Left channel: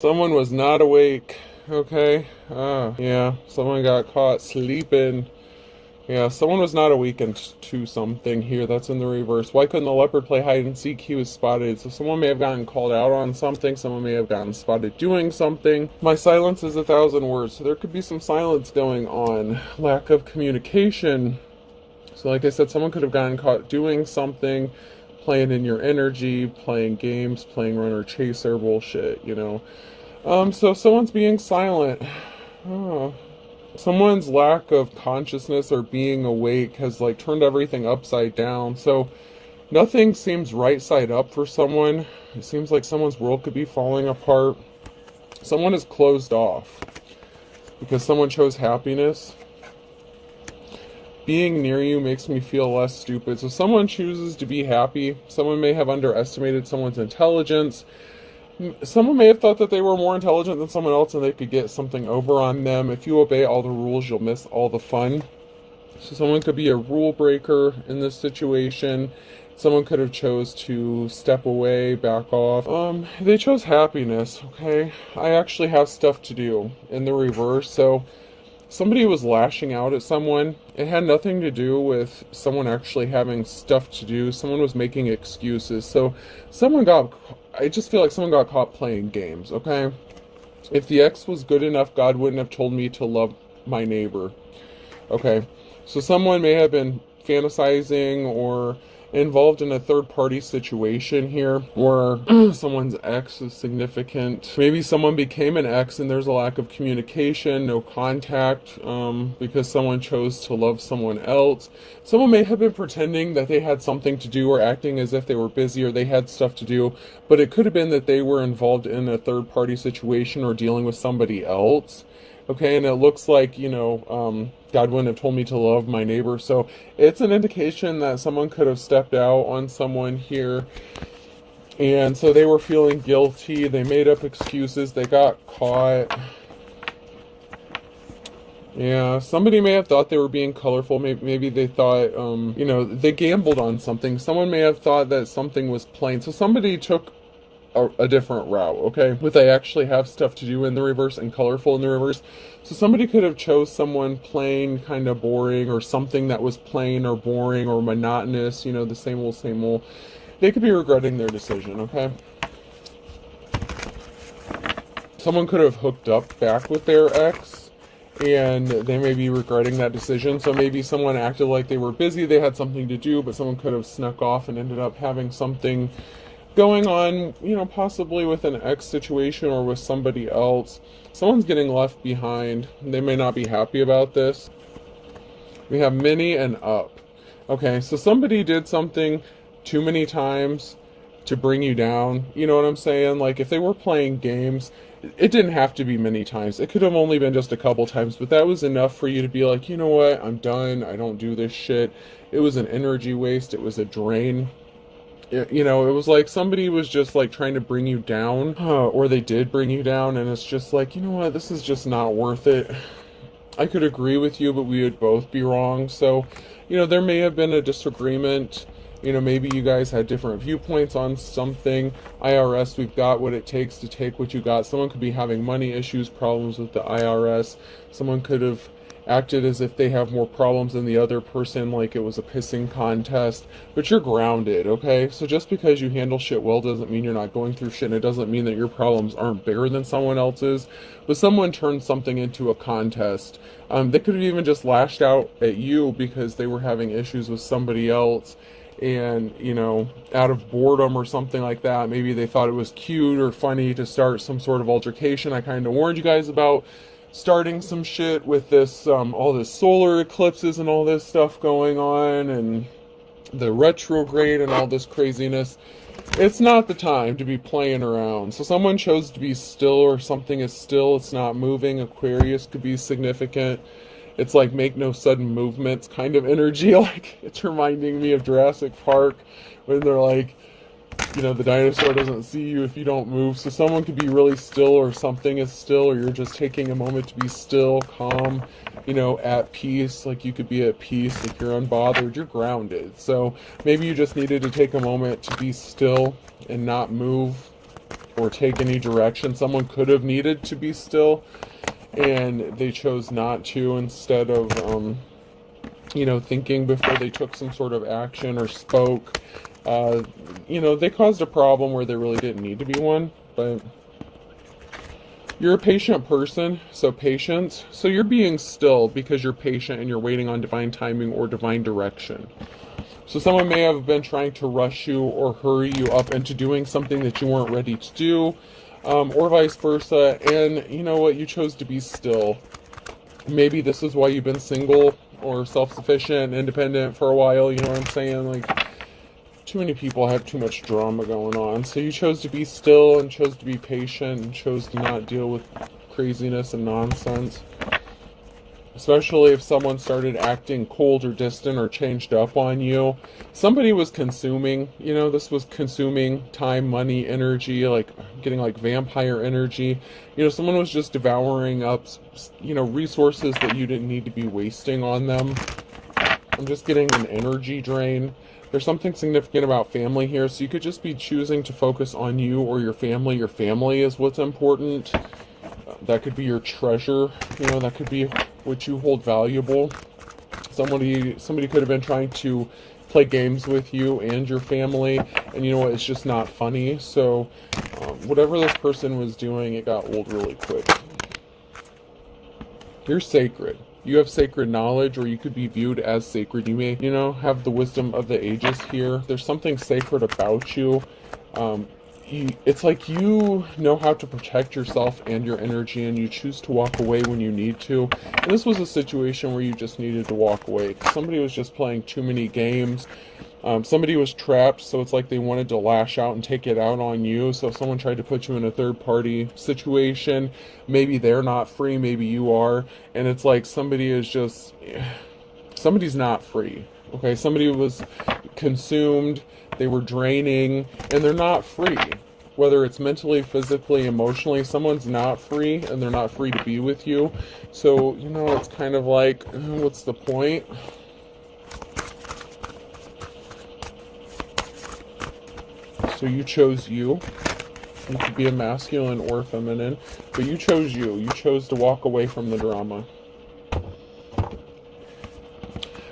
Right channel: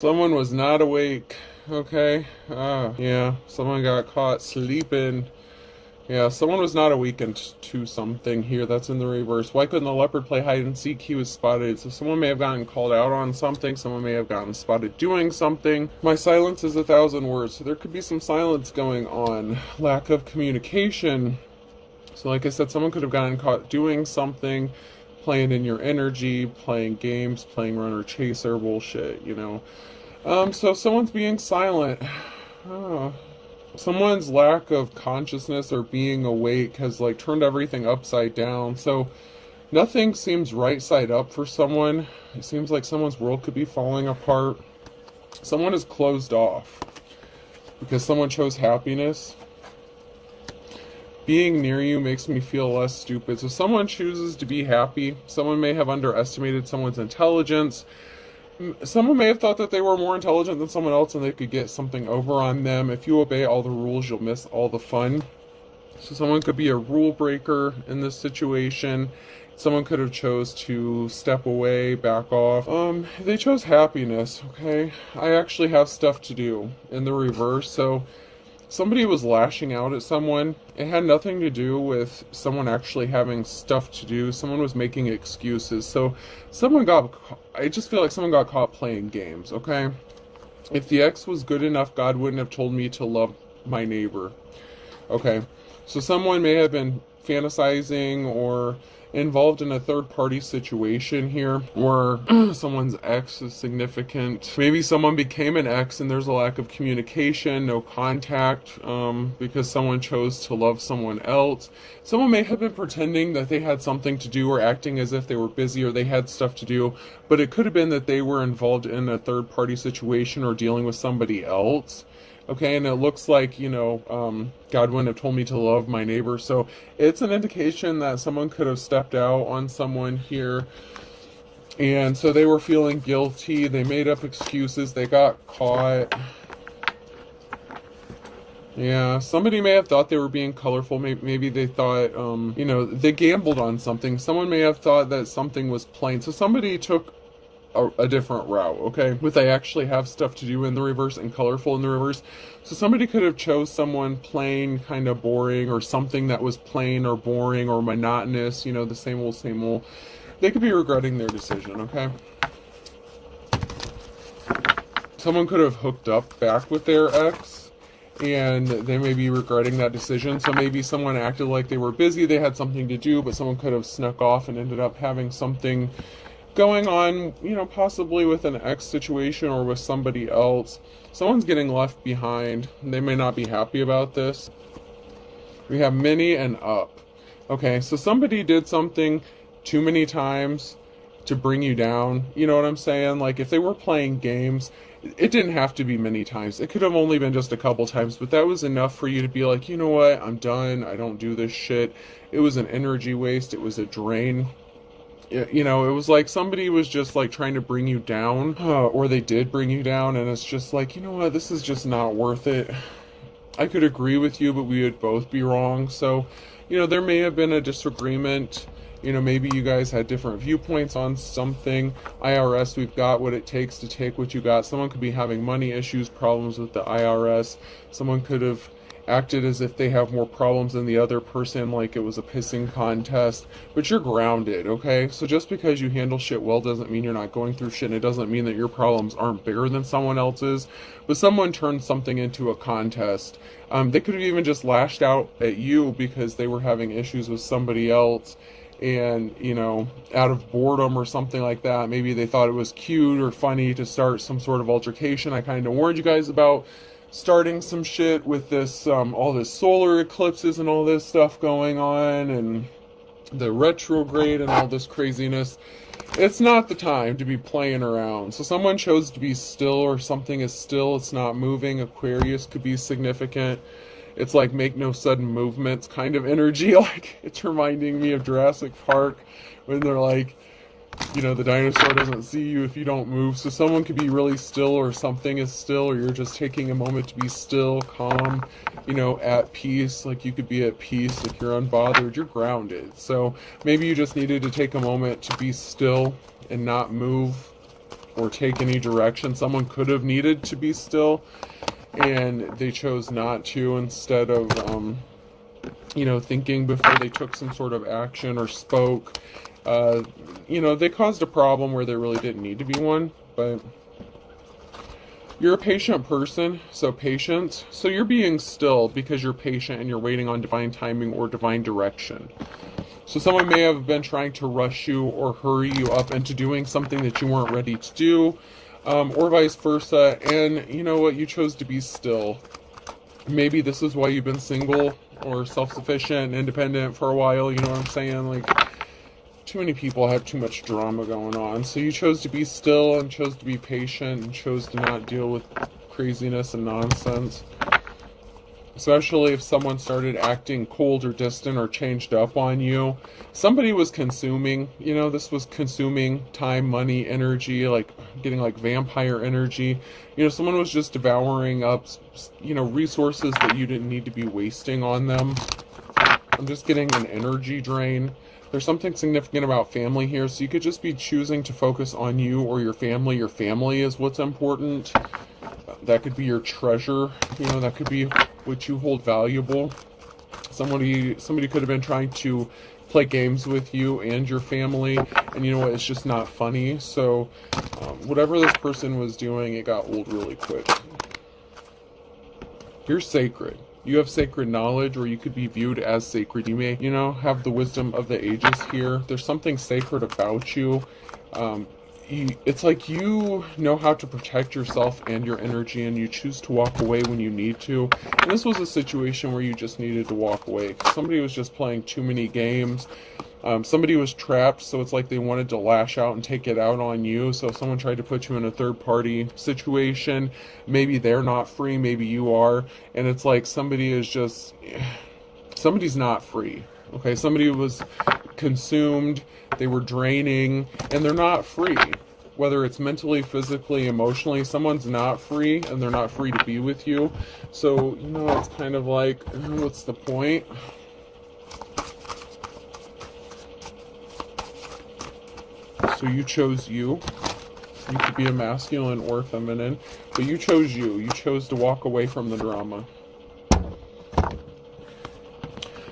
Someone was not awake. Okay. Yeah, someone got caught sleeping. Yeah, someone was not awakened to something here. That's in the reverse. Why couldn't the leopard play hide and seek? He was spotted. So someone may have gotten called out on something. Someone may have gotten spotted doing something. My silence is 1,000 words. So there could be some silence going on. Lack of communication. So like I said, someone could have gotten caught doing something, playing in your energy, playing games, playing runner chaser bullshit, you know. So someone's being silent. Oh. Someone's lack of consciousness or being awake has like turned everything upside down. So nothing seems right side up for someone. It seems like someone's world could be falling apart. Someone is closed off because someone chose happiness. Being near you makes me feel less stupid. So someone chooses to be happy. Someone may have underestimated someone's intelligence. Someone may have thought that they were more intelligent than someone else and they could get something over on them. If you obey all the rules, you'll miss all the fun. So someone could be a rule breaker in this situation. Someone could have chose to step away, back off. They chose happiness, okay? I actually have stuff to do in the reverse. So somebody was lashing out at someone. It had nothing to do with someone actually having stuff to do. Someone was making excuses. So I just feel like someone got caught playing games, okay? If the ex was good enough, God wouldn't have told me to love my neighbor. Okay, so someone may have been fantasizing or involved in a third-party situation here, or someone's ex is significant. Maybe someone became an ex and there's a lack of communication, no contact, because someone chose to love someone else. Someone may have been pretending that they had something to do or acting as if they were busy or they had stuff to do, but it could have been that they were involved in a third-party situation or dealing with somebody else. Okay, and it looks like, God wouldn't have told me to love my neighbor. So it's an indication that someone could have stepped out on someone here. And so they were feeling guilty. They made up excuses. They got caught. Yeah, somebody may have thought they were being colorful. Maybe they thought, they gambled on something. Someone may have thought that something was plain. So somebody took a different route, okay? But they actually have stuff to do in the reverse and colorful in the reverse. So somebody could have chose someone plain, kind of boring, or something that was plain or boring or monotonous, the same old, same old. They could be regretting their decision, okay? Someone could have hooked up back with their ex, and they may be regretting that decision. So maybe someone acted like they were busy, they had something to do, but someone could have snuck off and ended up having something going on, possibly with an ex situation or with somebody else. Someone's getting left behind. They may not be happy about this. We have many and up. Okay, so somebody did something too many times to bring you down. You know what I'm saying? Like if they were playing games, it didn't have to be many times. It could have only been just a couple times, but that was enough for you to be like, you know what? I'm done. I don't do this shit. It was an energy waste. It was a drain. It was like somebody was just like trying to bring you down, or they did bring you down, and it's just like, you know what, this is just not worth it. I could agree with you, but we would both be wrong. So, there may have been a disagreement. Maybe you guys had different viewpoints on something. IRS, we've got what it takes to take what you got. Someone could be having money issues, problems with the IRS. Someone could have acted as if they have more problems than the other person, like it was a pissing contest, but you're grounded, okay? So just because you handle shit well doesn't mean you're not going through shit. It doesn't mean that your problems aren't bigger than someone else's, but someone turned something into a contest. They could have even just lashed out at you because they were having issues with somebody else, and out of boredom or something like that. Maybe they thought it was cute or funny to start some sort of altercation. I kind of warned you guys about starting some shit with this, all this solar eclipses and all this stuff going on, and the retrograde and all this craziness. It's not the time to be playing around. So someone chose to be still, or something is still, it's not moving. Aquarius could be significant. It's like make no sudden movements kind of energy. Like it's reminding me of Jurassic Park when they're like, the dinosaur doesn't see you if you don't move. So someone could be really still, or something is still, or you're just taking a moment to be still, calm, at peace. Like you could be at peace if you're unbothered, you're grounded. So maybe you just needed to take a moment to be still and not move. or take any direction. Someone could have needed to be still, and they chose not to, instead of, you know, thinking before they took some sort of action or spoke. You know, they caused a problem where there really didn't need to be one, but you're a patient person, so patience. So you're being still because you're patient and you're waiting on divine timing or divine direction. So someone may have been trying to rush you or hurry you up into doing something that you weren't ready to do, or vice versa. And you know what? You chose to be still. Maybe this is why you've been single or self-sufficient, independent for a while. You know what I'm saying? Like, too many people have too much drama going on. So you chose to be still and chose to be patient and chose to not deal with craziness and nonsense. Especially if someone started acting cold or distant or changed up on you. Somebody was consuming, you know, this was consuming time, money, energy, like getting like vampire energy. You know, someone was just devouring up, you know, resources that you didn't need to be wasting on them. I'm just getting an energy drain. There's something significant about family here, so you could just be choosing to focus on you or your family. Your family is what's important. That could be your treasure, you know, that could be what you hold valuable. Somebody could have been trying to play games with you and your family, and you know what, it's just not funny. So whatever this person was doing, it got old really quick. You're sacred. You have sacred knowledge, or you could be viewed as sacred. You may, you know, have the wisdom of the ages here. There's something sacred about you. It's like you know how to protect yourself and your energy, and you choose to walk away when you need to. And this was a situation where you just needed to walk away. Somebody was just playing too many games. Somebody was trapped, so it's like they wanted to lash out and take it out on you. So if someone tried to put you in a third-party situation, maybe they're not free, maybe you are, and it's like somebody's not free. Okay, somebody was consumed, they were draining, and they're not free. Whether it's mentally, physically, emotionally, someone's not free, and they're not free to be with you. So, you know, it's kind of like, what's the point? So you chose you. You could be a masculine or feminine, but you chose you. You chose to walk away from the drama.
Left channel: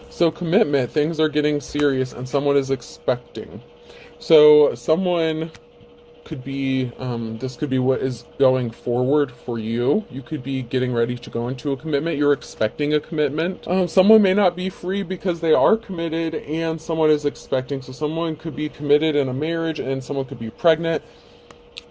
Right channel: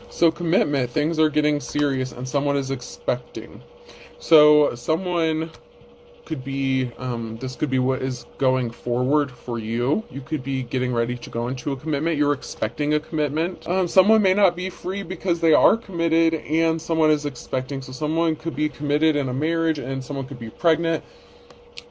So commitment, things are getting serious and someone is expecting. So someone could be, this could be what is going forward for you. You could be getting ready to go into a commitment. You're expecting a commitment. Someone may not be free because they are committed and someone is expecting. So someone could be committed in a marriage and someone could be pregnant,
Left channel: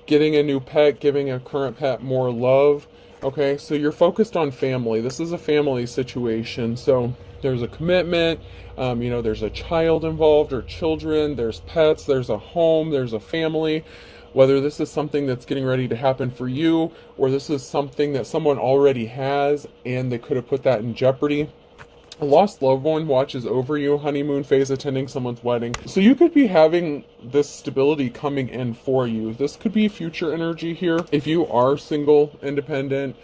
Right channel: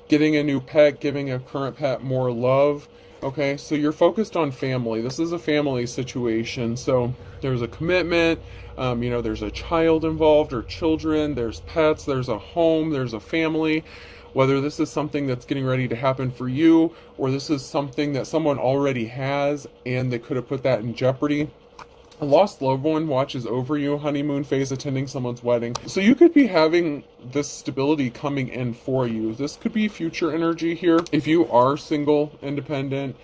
getting a new pet, giving a current pet more love. Okay, so you're focused on family. This is a family situation. So there's a commitment, you know, there's a child involved or children, there's pets, there's a home, there's a family. Whether this is something that's getting ready to happen for you, or this is something that someone already has and they could have put that in jeopardy. A lost loved one watches over you, honeymoon phase, attending someone's wedding. So you could be having this stability coming in for you. This could be future energy here. If you are single, independent,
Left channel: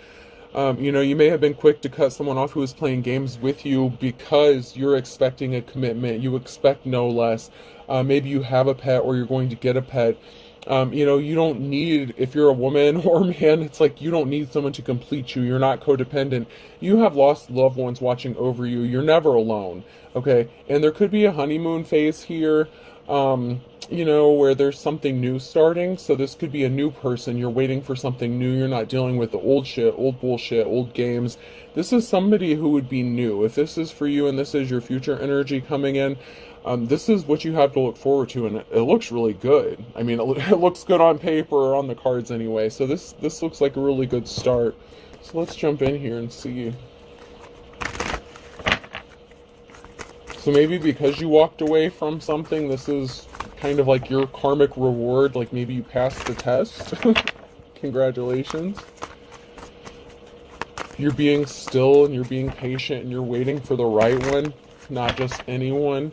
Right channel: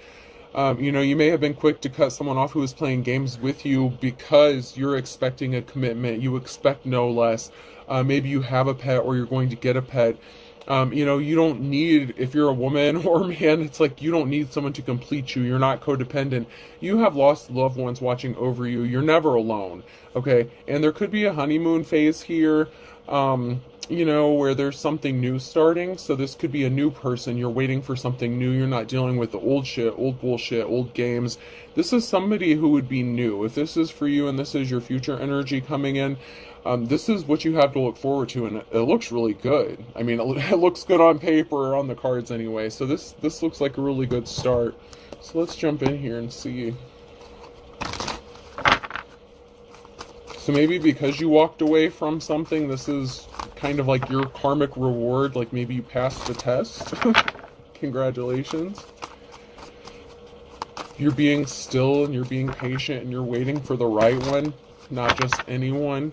you know, you may have been quick to cut someone off who is playing games with you because you're expecting a commitment. You expect no less. Maybe you have a pet or you're going to get a pet. You know, you don't need, if you're a woman or a man, it's like you don't need someone to complete you. You're not codependent. You have lost loved ones watching over you. You're never alone. Okay. And there could be a honeymoon phase here, you know, where there's something new starting. So this could be a new person. You're waiting for something new. You're not dealing with the old shit, old bullshit, old games. This is somebody who would be new. If this is for you and this is your future energy coming in, this is what you have to look forward to, and it looks really good. I mean, it looks good on paper or on the cards anyway, so this looks like a really good start. So let's jump in here and see. So maybe because you walked away from something, this is kind of like your karmic reward, like maybe you passed the test. Congratulations. You're being still and you're being patient and you're waiting for the right one, not just anyone.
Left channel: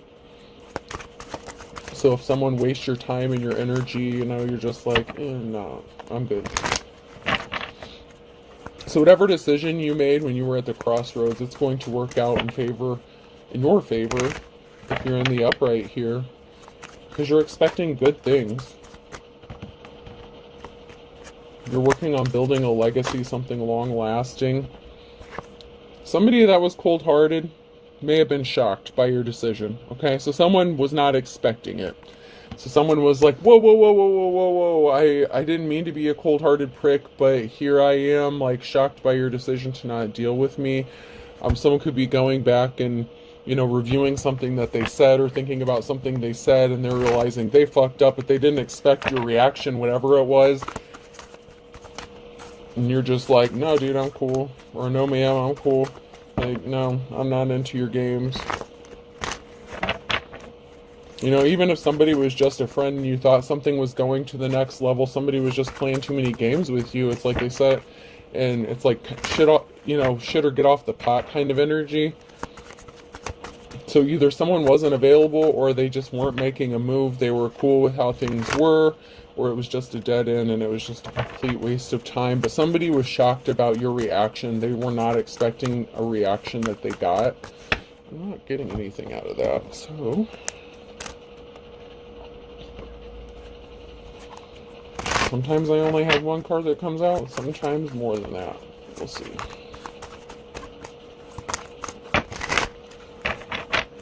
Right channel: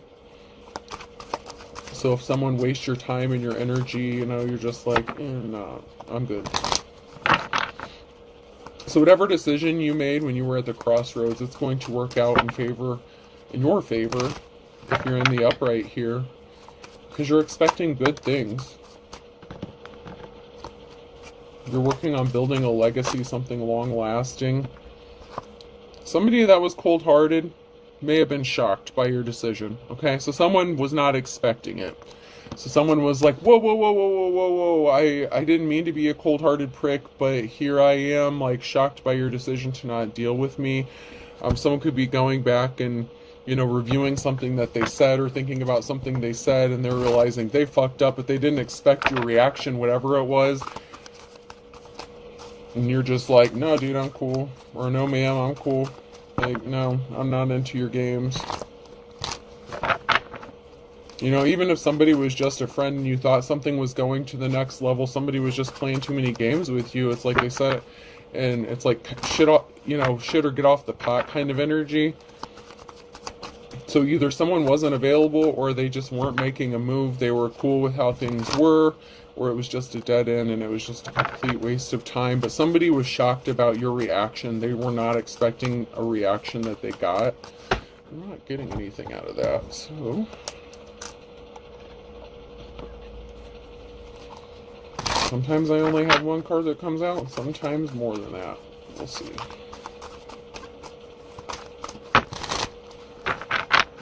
So if someone wastes your time and your energy, you know, you're just like, no, I'm good. So whatever decision you made when you were at the crossroads, it's going to work out in your favor, if you're in the upright here, because you're expecting good things. You're working on building a legacy, something long-lasting. Somebody that was cold-hearted may have been shocked by your decision, okay? So someone was not expecting it. So someone was like, whoa, whoa, whoa, whoa, whoa, whoa, whoa, I didn't mean to be a cold-hearted prick, but here I am, like, shocked by your decision to not deal with me. Someone could be going back and, you know, reviewing something that they said or thinking about something they said, and they're realizing they fucked up, but they didn't expect your reaction, whatever it was. And you're just like, no, dude, I'm cool. Or no, ma'am, I'm cool. Like, no, I'm not into your games. You know, even if somebody was just a friend and you thought something was going to the next level, somebody was just playing too many games with you, it's like I said, and it's like shit off, you know, shit or get off the pot kind of energy. So either someone wasn't available or they just weren't making a move. They were cool with how things were, or it was just a dead end and it was just a complete waste of time. But somebody was shocked about your reaction. They were not expecting a reaction that they got. I'm not getting anything out of that, so... Sometimes I only have one card that comes out, sometimes more than that. We'll see.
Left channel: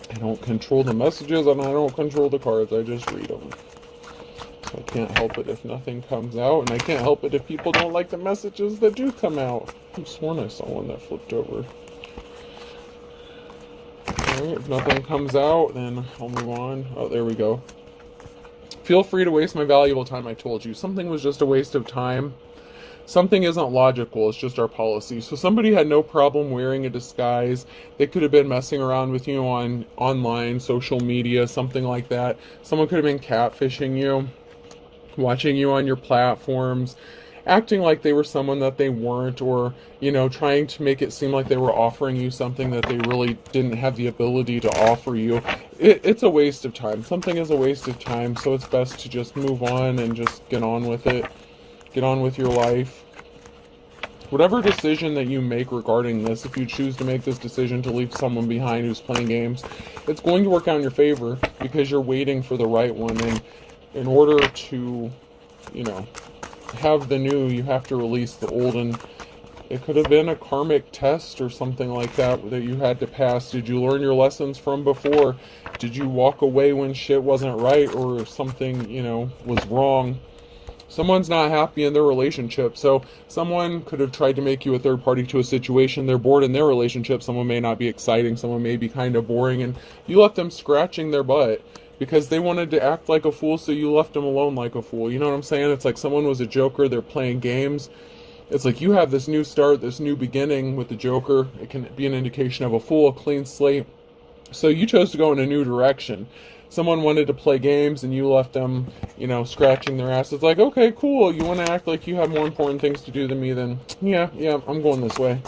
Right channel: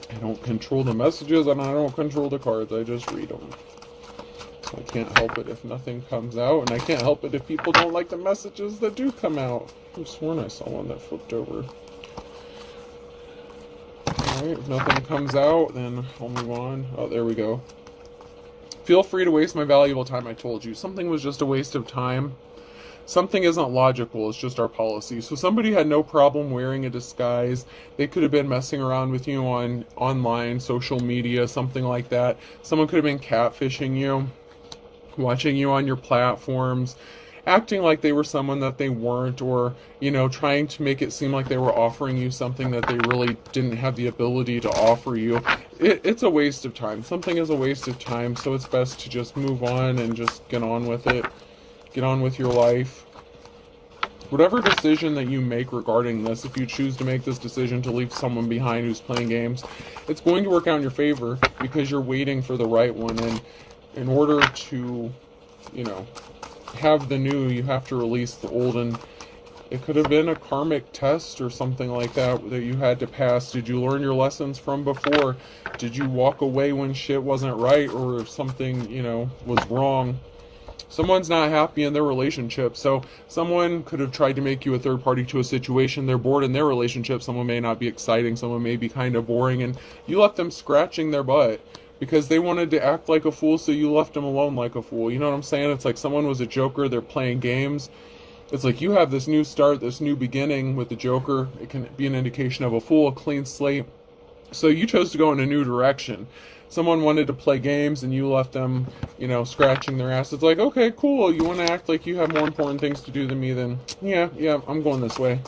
I don't control the messages and I don't control the cards, I just read them. So I can't help it if nothing comes out, and I can't help it if people don't like the messages that do come out. I've sworn I saw one that flipped over. Alright, if nothing comes out, then I'll move on. Oh, there we go. Feel free to waste my valuable time, I told you. Something was just a waste of time. Something isn't logical, it's just our policy. So somebody had no problem wearing a disguise. They could have been messing around with you on online, social media, something like that. Someone could have been catfishing you, watching you on your platforms, acting like they were someone that they weren't, or, you know, trying to make it seem like they were offering you something that they really didn't have the ability to offer you. It's a waste of time. Something is a waste of time, so it's best to just move on and just get on with it. Get on with your life. Whatever decision that you make regarding this, if you choose to make this decision to leave someone behind who's playing games, it's going to work out in your favor because you're waiting for the right one. And in order to, you know, have the new, you have to release the old. And it could have been a karmic test or something like that that you had to pass. Did you learn your lessons from before? Did you walk away when shit wasn't right or something, you know, was wrong? Someone's not happy in their relationship, so someone could have tried to make you a third party to a situation. They're bored in their relationship. Someone may not be exciting. Someone may be kind of boring, and you left them scratching their butt because they wanted to act like a fool, so you left them alone like a fool. You know what I'm saying? It's like someone was a joker. They're playing games. It's like you have this new start, this new beginning with the joker. It can be an indication of a fool, a clean slate. So you chose to go in a new direction. Someone wanted to play games and you left them, you know, scratching their ass. It's like, okay, cool. You want to act like you have more important things to do than me, then yeah, I'm going this way.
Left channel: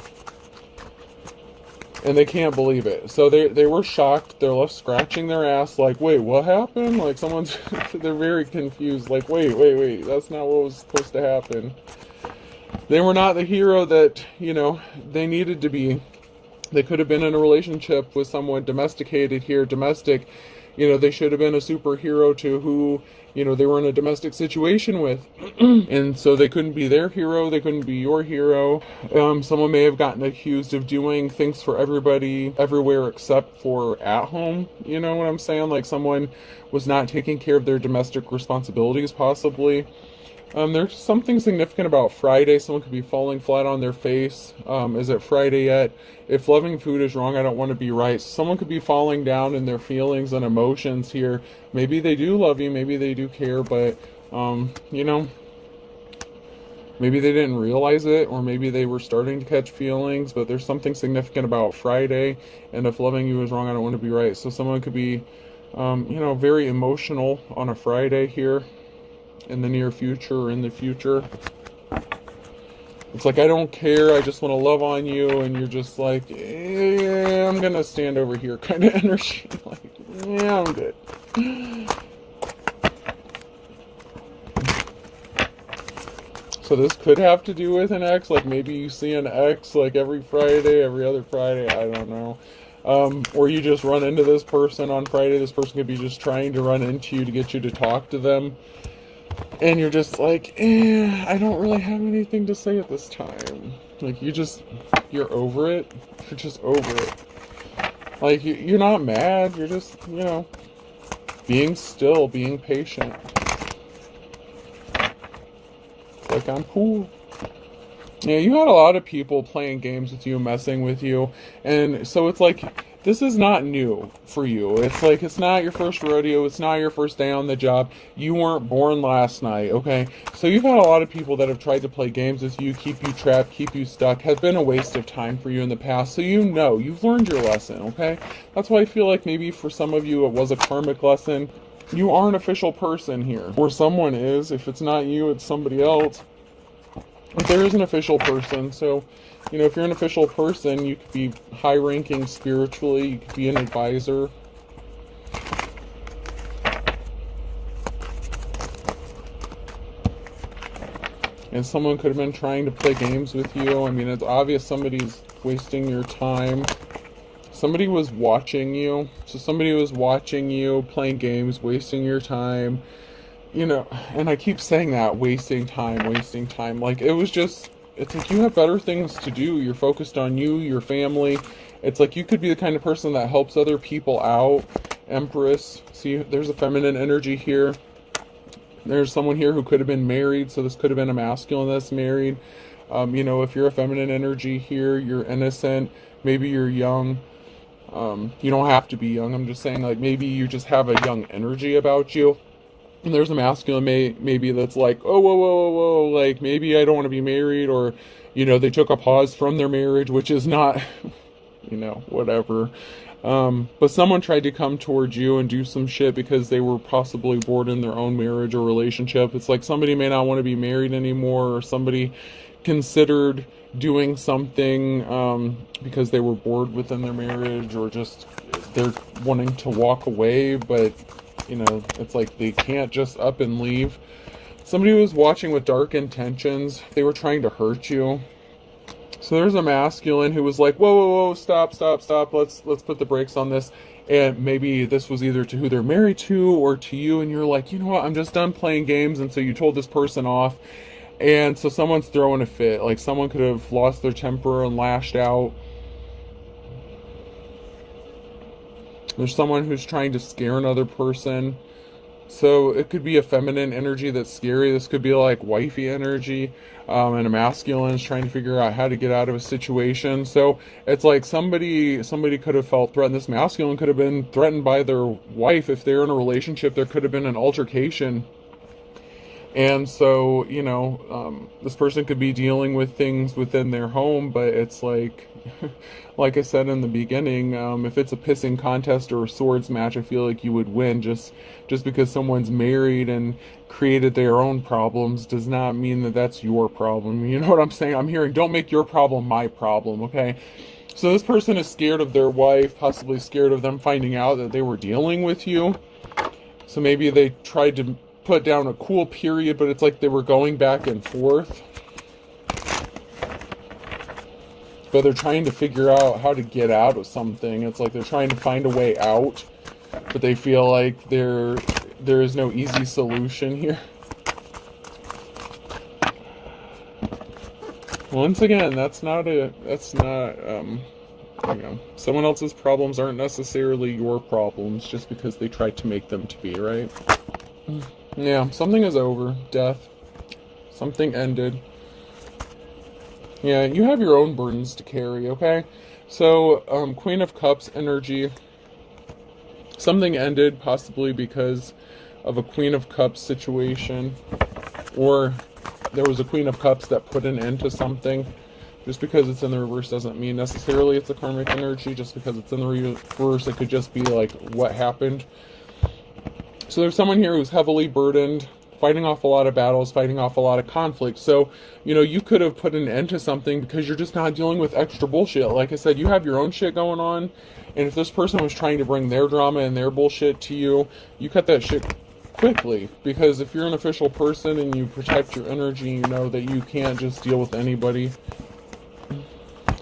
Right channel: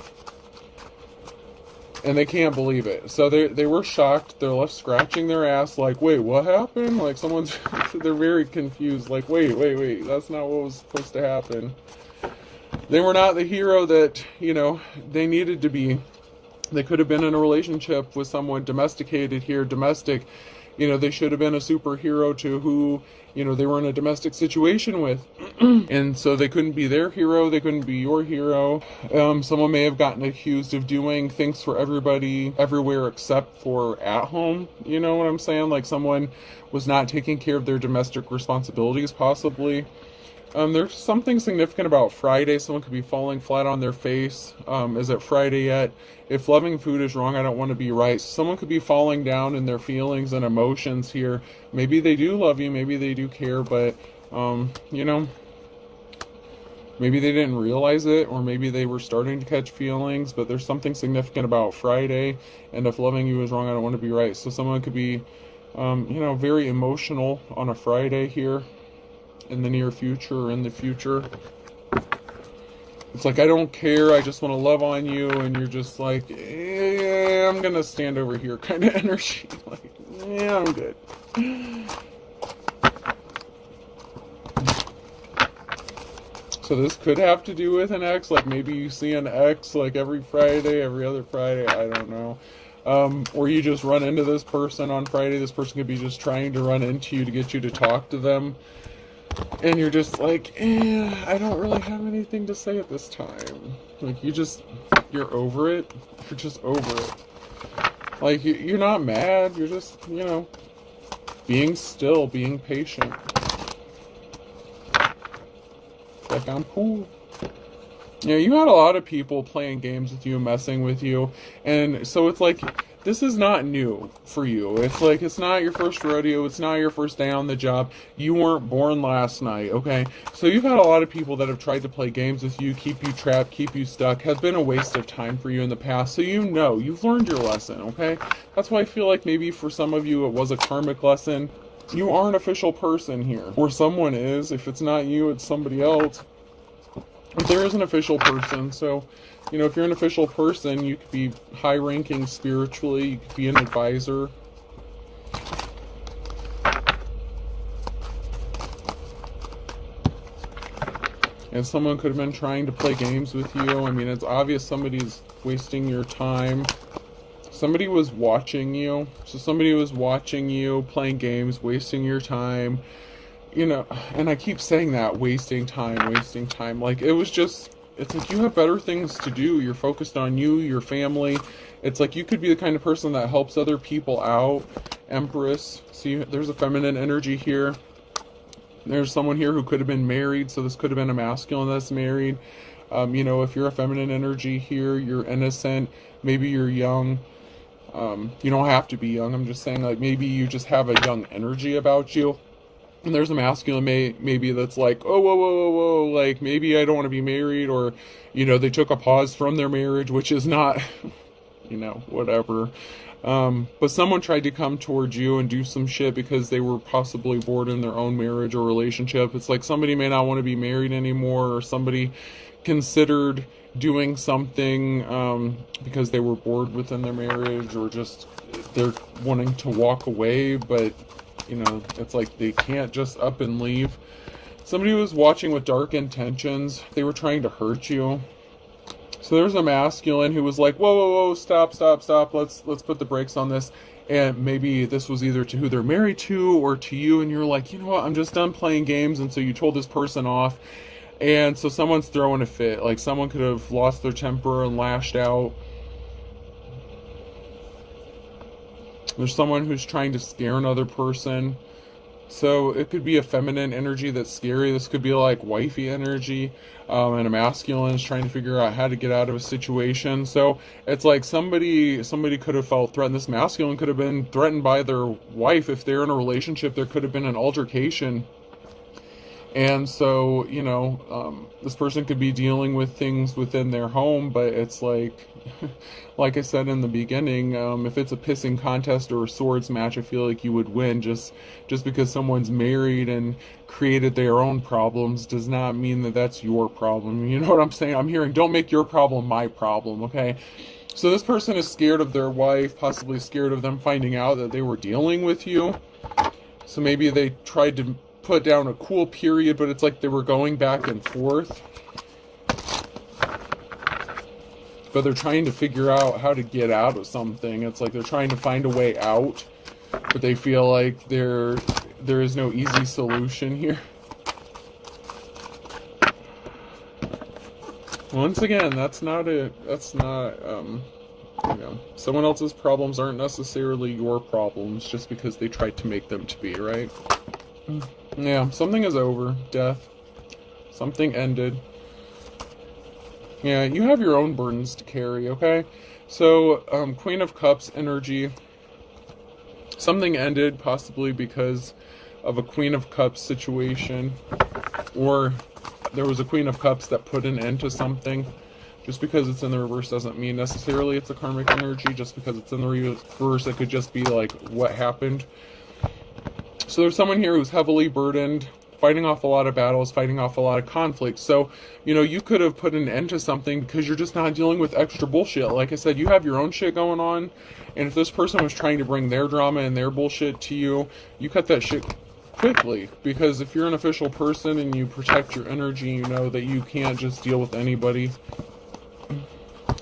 And they can't believe it. So they were shocked. They're left scratching their ass like, wait, what happened? Like someone's, they're very confused. Like, wait, that's not what was supposed to happen. They were not the hero that, you know, they needed to be. They could have been in a relationship with someone domesticated here, domestic. You know, they should have been a superhero to who, you know, they were in a domestic situation with. And so they couldn't be their hero. They couldn't be your hero. Someone may have gotten accused of doing things for everybody, everywhere except for at home. You know what I'm saying? Like someone was not taking care of their domestic responsibilities, possibly. There's something significant about Friday. Someone could be falling flat on their face. Is it Friday yet? If loving food is wrong, I don't want to be right. Someone could be falling down in their feelings and emotions here. Maybe they do love you. Maybe they do care. But, you know, maybe they didn't realize it. Or maybe they were starting to catch feelings. But there's something significant about Friday. And if loving you is wrong, I don't want to be right. So someone could be, you know, very emotional on a Friday here. In the near future or in the future. It's like, I don't care, I just want to love on you, and you're just like, I'm gonna stand over here kind of energy. Like, yeah, I'm good. So this could have to do with an ex, like maybe you see an ex like every Friday, every other Friday, I don't know. Or you just run into this person on Friday. This person could be just trying to run into you to get you to talk to them. And you're just like, I don't really have anything to say at this time. Like, you're over it. You're just over it. Like, you're not mad. You're just, being still, being patient. Like, I'm cool. Yeah, you had a lot of people playing games with you, messing with you. And so it's like, this is not new for you. It's like, it's not your first rodeo. It's not your first day on the job. You weren't born last night, okay? So you've had a lot of people that have tried to play games with you, keep you trapped, keep you stuck, has been a waste of time for you in the past. So you've learned your lesson, okay? That's why I feel like maybe for some of you it was a karmic lesson. You are an official person here. Where someone is, if it's not you, it's somebody else. But there is an official person, so if you're an official person, you could be high-ranking spiritually, you could be an advisor. And someone could have been trying to play games with you. I mean, it's obvious somebody's wasting your time. Somebody was watching you. So somebody was watching you, playing games, wasting your time. And I keep saying that, wasting time. Like, it's like you have better things to do. You're focused on you, your family. It's like you could be the kind of person that helps other people out. Empress. See, there's a feminine energy here. There's someone here who could have been married, so this could have been a masculine that's married. If you're a feminine energy here, you're innocent. Maybe you're young. You don't have to be young. I'm just saying, like, maybe you just have a young energy about you. And there's a masculine maybe that's like, oh, whoa, like, maybe I don't want to be married, or, they took a pause from their marriage, which is not, whatever. But someone tried to come towards you and do some shit because they were possibly bored in their own marriage or relationship. It's like somebody may not want to be married anymore, or somebody considered doing something because they were bored within their marriage, or just they're wanting to walk away, but it's like they can't just up and leave. Somebody was watching with dark intentions. They were trying to hurt you. So there's a masculine who was like, whoa, stop. Let's put the brakes on this. And maybe this was either to who they're married to or to you. And you're like, you know what? I'm just done playing games. And so you told this person off. And so someone's throwing a fit. Like, someone could have lost their temper and lashed out. There's someone who's trying to scare another person. So it could be a feminine energy that's scary. This could be like wifey energy. And a masculine is trying to figure out how to get out of a situation. So it's like somebody could have felt threatened. This masculine could have been threatened by their wife. If they're in a relationship, there could have been an altercation. And so, this person could be dealing with things within their home, but it's like I said in the beginning, if it's a pissing contest or a swords match, I feel like you would win. Just because someone's married and created their own problems does not mean that that's your problem. You know what I'm saying? I'm hearing, don't make your problem my problem, okay? So this person is scared of their wife, possibly scared of them finding out that they were dealing with you. So maybe they tried to put down a cool period, but it's like they were going back and forth. But they're trying to figure out how to get out of something. It's like they're trying to find a way out, but they feel like there is no easy solution here. Once again, someone else's problems aren't necessarily your problems just because they tried to make them to be, right? Yeah, something is over. Death. Something ended. Yeah, you have your own burdens to carry, okay? So, Queen of Cups energy. Something ended, possibly because of a Queen of Cups situation. Or there was a Queen of Cups that put an end to something. Just because it's in the reverse doesn't mean necessarily it's a karmic energy. Just because it's in the reverse, it could just be like what happened. So there's someone here who's heavily burdened, fighting off a lot of battles, fighting off a lot of conflict. So, you could have put an end to something because you're just not dealing with extra bullshit. Like I said, you have your own shit going on. And if this person was trying to bring their drama and their bullshit to you, you cut that shit quickly. Because if you're an official person and you protect your energy, you know that you can't just deal with anybody.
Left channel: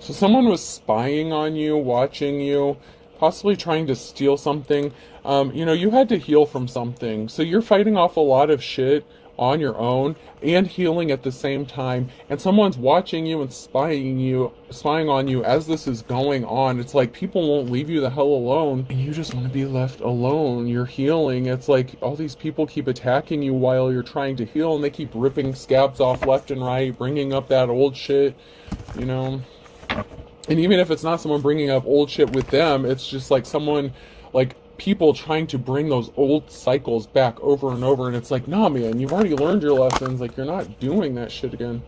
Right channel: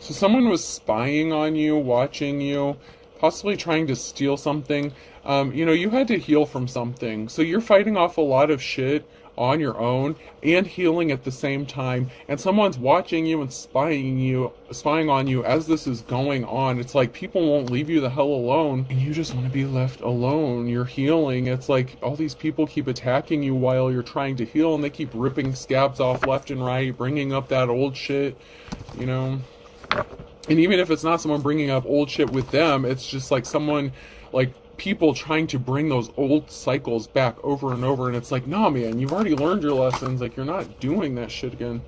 So someone was spying on you, watching you, possibly trying to steal something. You had to heal from something. So you're fighting off a lot of shit on your own and healing at the same time, and someone's watching you and spying on you as this is going on. It's like people won't leave you the hell alone. You just want to be left alone. You're healing. It's like all these people keep attacking you while you're trying to heal, and they keep ripping scabs off left and right, bringing up that old shit, you know. And even if it's not someone bringing up old shit with them, it's just like someone, like people trying to bring those old cycles back over and over. And it's like, nah, man, you've already learned your lessons. Like, you're not doing that shit again.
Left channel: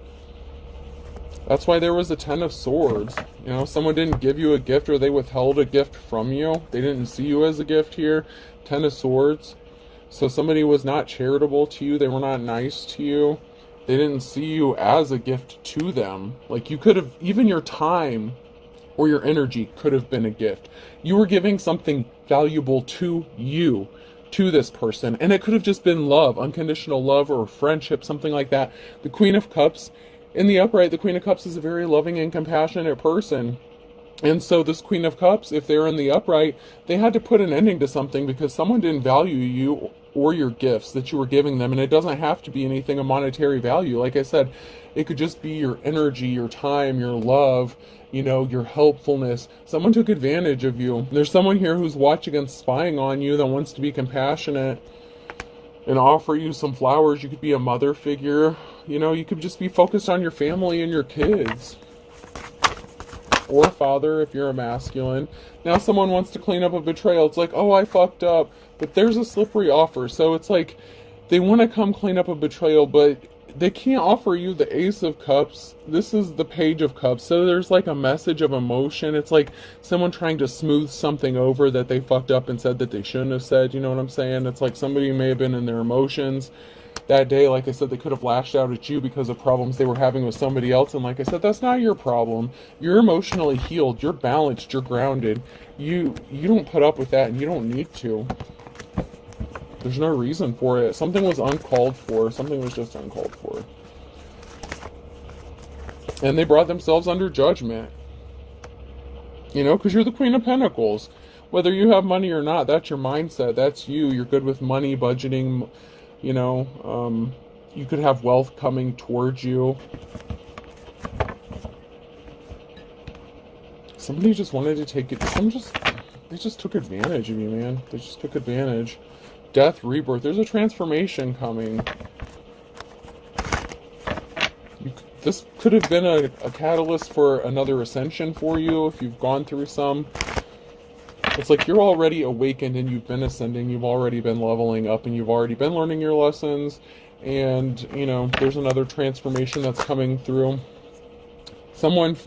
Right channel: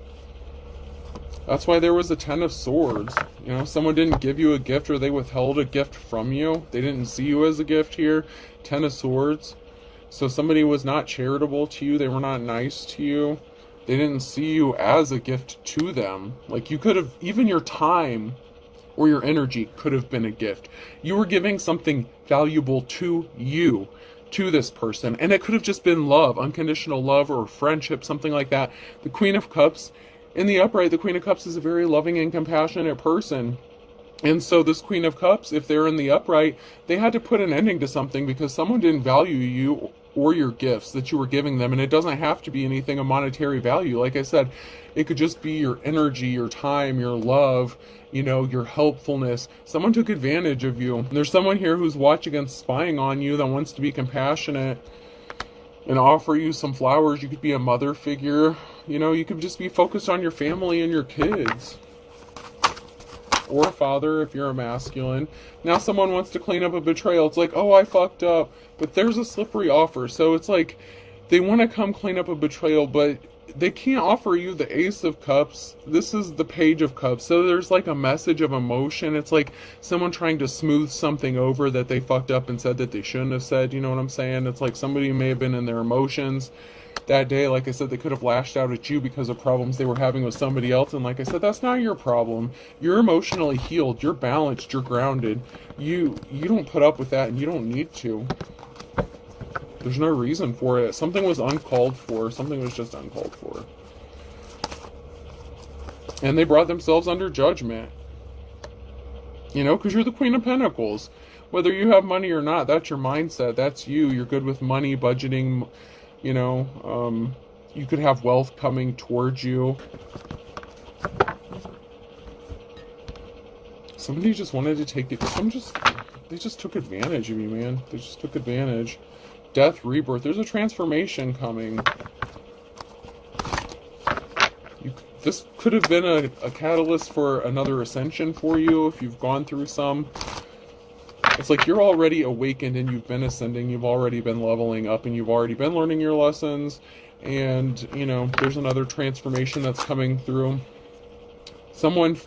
That's why there was a 10 of Swords. You know, someone didn't give you a gift, or they withheld a gift from you. They didn't see you as a gift here. 10 of Swords. So somebody was not charitable to you. They were not nice to you. They didn't see you as a gift to them. Like, you could have, even your time or your energy could have been a gift. You were giving something valuable to you, to this person. And it could have just been love, unconditional love, or friendship, something like that. The Queen of Cups, in the upright, the Queen of Cups is a very loving and compassionate person. And so this Queen of Cups, if they're in the upright, they had to put an ending to something because someone didn't value you or your gifts that you were giving them. And it doesn't have to be anything of monetary value. Like I said, it could just be your energy, your time, your love, you know, your helpfulness. Someone took advantage of you. And there's someone here who's watching and spying on you that wants to be compassionate and offer you some flowers. You could be a mother figure. You know, you could just be focused on your family and your kids. Or a father if you're a masculine. Now someone wants to clean up a betrayal. It's like, oh, I fucked up. But there's a slippery offer. So it's like they want to come clean up a betrayal, but they can't offer you the Ace of Cups. This is the Page of Cups. So there's like a message of emotion. It's like someone trying to smooth something over that they fucked up and said that they shouldn't have said. You know what I'm saying? It's like somebody may have been in their emotions that day. Like I said, they could have lashed out at you because of problems they were having with somebody else. And like I said, that's not your problem. You're emotionally healed. You're balanced. You're grounded. You don't put up with that, and you don't need to. There's no reason for it. Something was uncalled for. Something was just uncalled for. And they brought themselves under judgment. You know, because you're the Queen of Pentacles. Whether you have money or not, that's your mindset. That's you. You're good with money, budgeting. You know, you could have wealth coming towards you. Somebody just wanted to take it. They just took advantage of you, man. They just took advantage. Death, rebirth. There's a transformation coming. This could have been a catalyst for another ascension for you if you've gone through some. It's like you're already awakened and you've been ascending. You've already been leveling up and you've already been learning your lessons. And, you know, there's another transformation that's coming through. Someone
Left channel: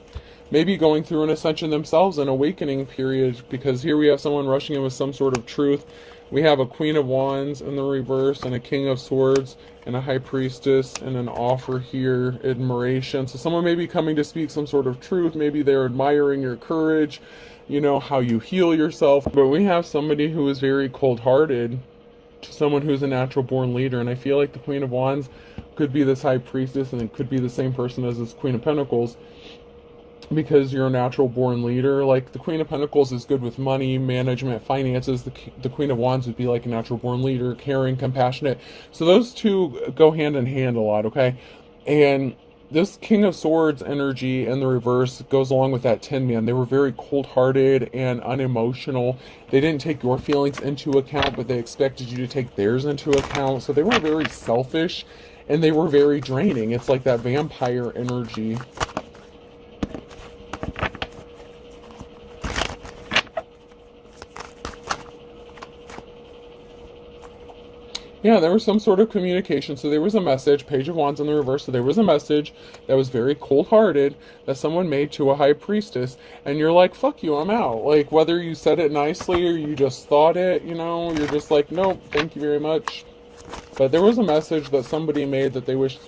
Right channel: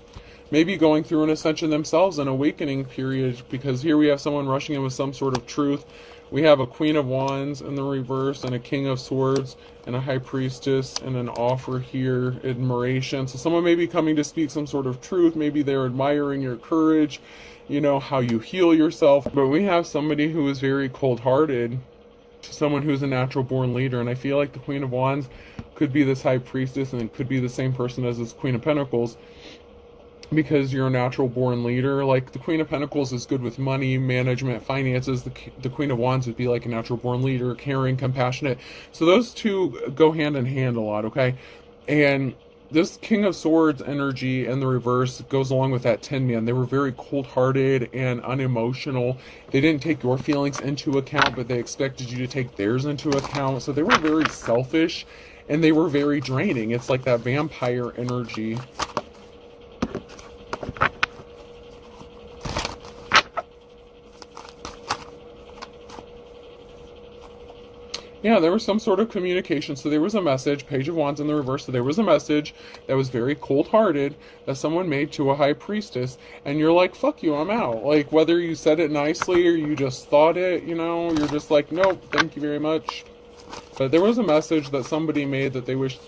maybe going through an ascension themselves, an awakening period, because here we have someone rushing in with some sort of truth. We have a Queen of Wands in the reverse, and a King of Swords, and a High Priestess, and an offer here, admiration. So someone may be coming to speak some sort of truth. Maybe they're admiring your courage, you know, how you heal yourself. But we have somebody who is very cold-hearted to someone who's a natural-born leader. And I feel like the Queen of Wands could be this High Priestess, and it could be the same person as this Queen of Pentacles. Because you're a natural-born leader. Like, the Queen of Pentacles is good with money, management, finances. The Queen of Wands would be like a natural-born leader, caring, compassionate. So those two go hand in hand a lot, okay? And this King of Swords energy in the reverse goes along with that Tin Man. They were very cold-hearted and unemotional. They didn't take your feelings into account, but they expected you to take theirs into account. So they were very selfish, and they were very draining. It's like that vampire energy. Yeah, there was some sort of communication. So there was a message, Page of Wands in the reverse. So there was a message that was very cold-hearted that someone made to a High Priestess. And you're like, fuck you, I'm out. Like, whether you said it nicely or you just thought it, you know, you're just like, no, thank you very much. But there was a message that somebody made that they wished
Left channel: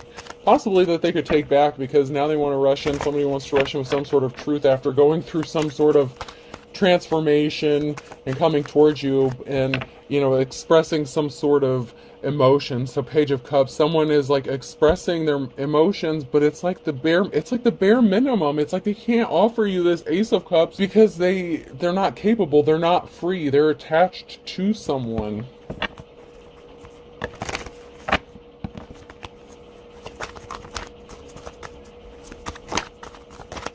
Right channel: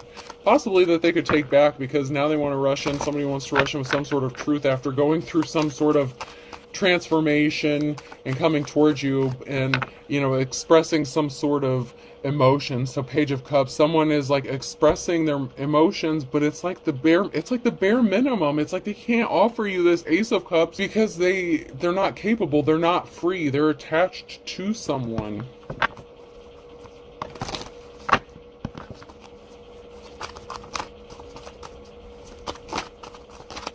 possibly that they could take back, because now they want to rush in. Somebody wants to rush in with some sort of truth after going through some sort of transformation and coming towards you and, you know, expressing some sort of emotion. So Page of Cups, someone is like expressing their emotions, but it's like the bare minimum. It's like they can't offer you this Ace of Cups because they're not capable, they're not free, they're attached to someone.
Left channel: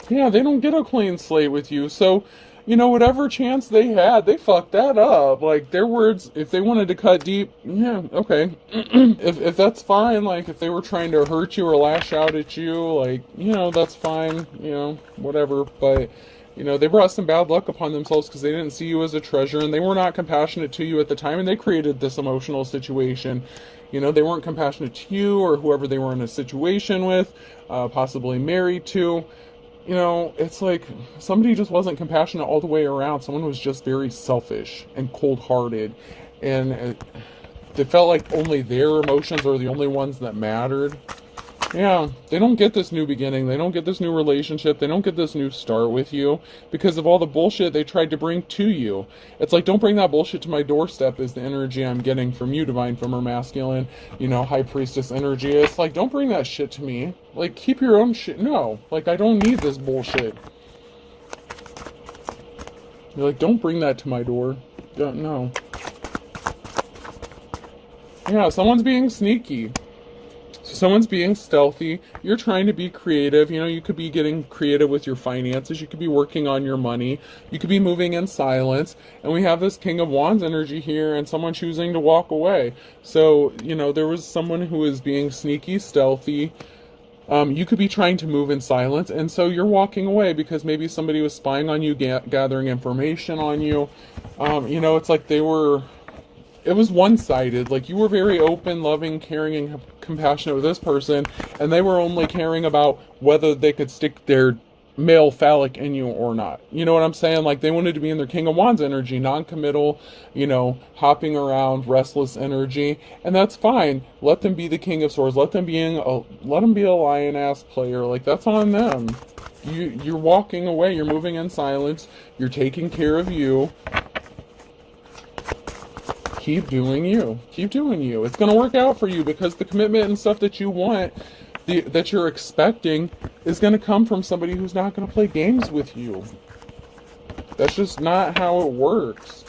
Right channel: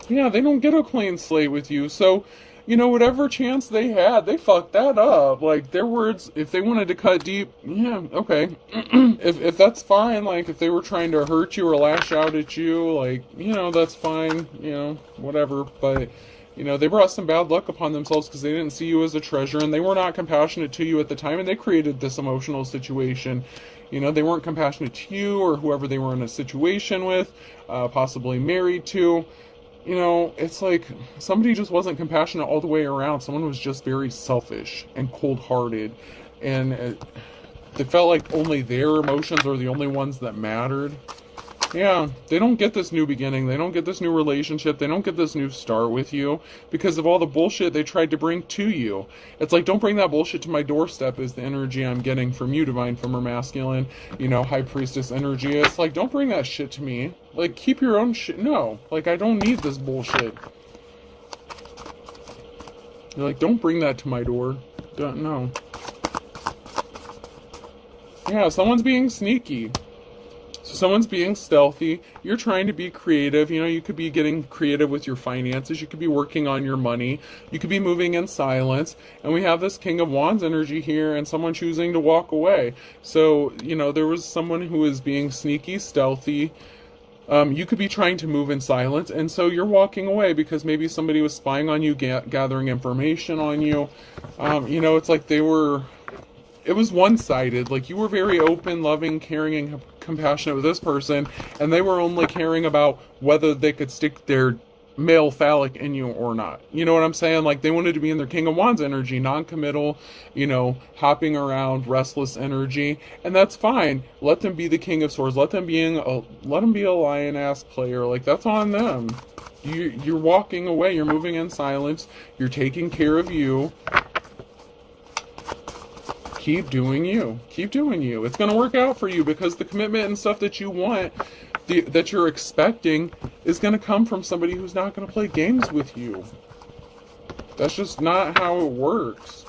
Yeah, they don't get a clean slate with you. So, whatever chance they had, they fucked that up. Like, their words, if they wanted to cut deep, yeah, okay. if that's fine, like, if they were trying to hurt you or lash out at you, like, that's fine, whatever. But, they brought some bad luck upon themselves because they didn't see you as a treasure, and they were not compassionate to you at the time, and they created this emotional situation. They weren't compassionate to you or whoever they were in a situation with, possibly married to. It's like somebody just wasn't compassionate all the way around. Someone was just very selfish and cold-hearted, and it felt like only their emotions were the only ones that mattered. Yeah, they don't get this new beginning. They don't get this new relationship. They don't get this new start with you because of all the bullshit they tried to bring to you. It's like, don't bring that bullshit to my doorstep is the energy I'm getting from you, Divine Female Masculine, High Priestess energy. It's like, don't bring that shit to me. Like, keep your own shit. No, like, I don't need this bullshit. You're like, don't bring that to my door. No. Yeah, someone's being sneaky. So someone's being stealthy. You're trying to be creative. You could be getting creative with your finances. You could be working on your money. You could be moving in silence. And we have this King of Wands energy here and someone choosing to walk away. So, there was someone who is being sneaky, stealthy. You could be trying to move in silence. And so you're walking away because maybe somebody was spying on you, gathering information on you. It's like it was one-sided. Like, you were very open, loving, caring, and compassionate with this person, and they were only caring about whether they could stick their male phallic in you or not. You know what I'm saying? Like, they wanted to be in their King of Wands energy, non-committal, hopping around, restless energy, and that's fine. Let them be the King of Swords. Let them be a lion-ass player. Like, that's on them. You're walking away. You're moving in silence. You're taking care of you. Keep doing you. Keep doing you. It's going to work out for you because the commitment and stuff that you want, that you're expecting, is going to come from somebody who's not going to play games with you. That's just not how it works.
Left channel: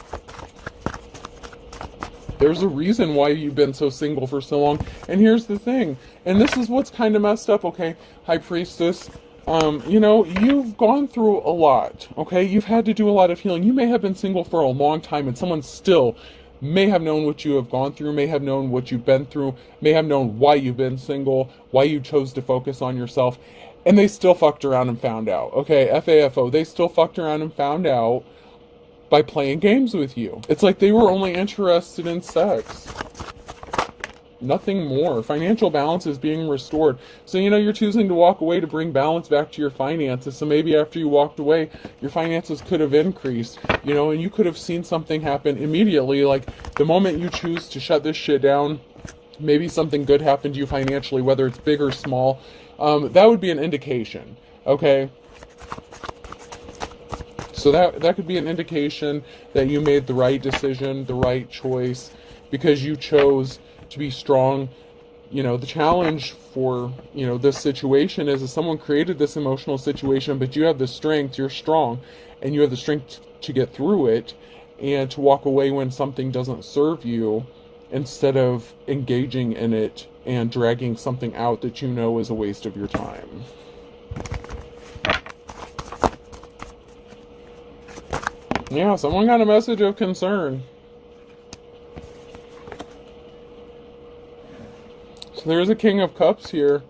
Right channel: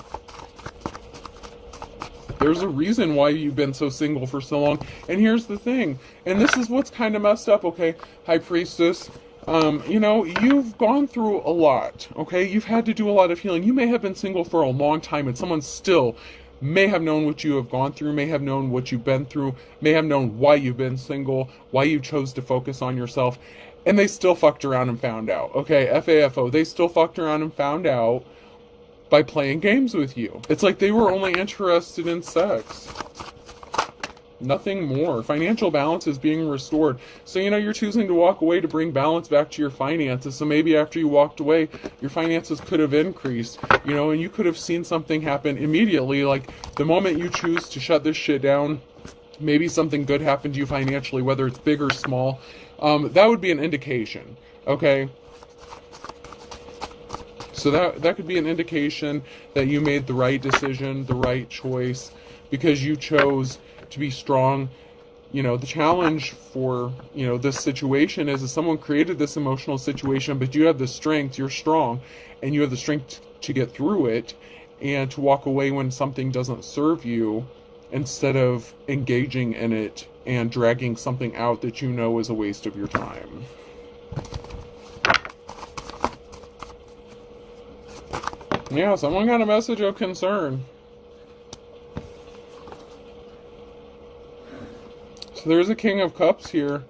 There's a reason why you've been so single for so long. And here's the thing. And this is what's kind of messed up, okay, High Priestess. You've gone through a lot, okay? You've had to do a lot of healing. You may have been single for a long time and someone still may have known what you have gone through, may have known what you've been through, may have known why you've been single, why you chose to focus on yourself, and they still fucked around and found out, okay? FAFO, they still fucked around and found out by playing games with you. It's like they were only interested in sex. Nothing more. Financial balance is being restored. So, you're choosing to walk away to bring balance back to your finances. So maybe after you walked away, your finances could have increased, and you could have seen something happen immediately. Like, the moment you choose to shut this shit down, maybe something good happened to you financially, whether it's big or small. That would be an indication, okay? So that could be an indication that you made the right decision, the right choice, because you chose to be strong. The challenge for, this situation is that someone created this emotional situation, but you have the strength, you're strong, and you have the strength to get through it and to walk away when something doesn't serve you instead of engaging in it and dragging something out that is a waste of your time. Yeah, someone got a message of concern. So there's a King of Cups here,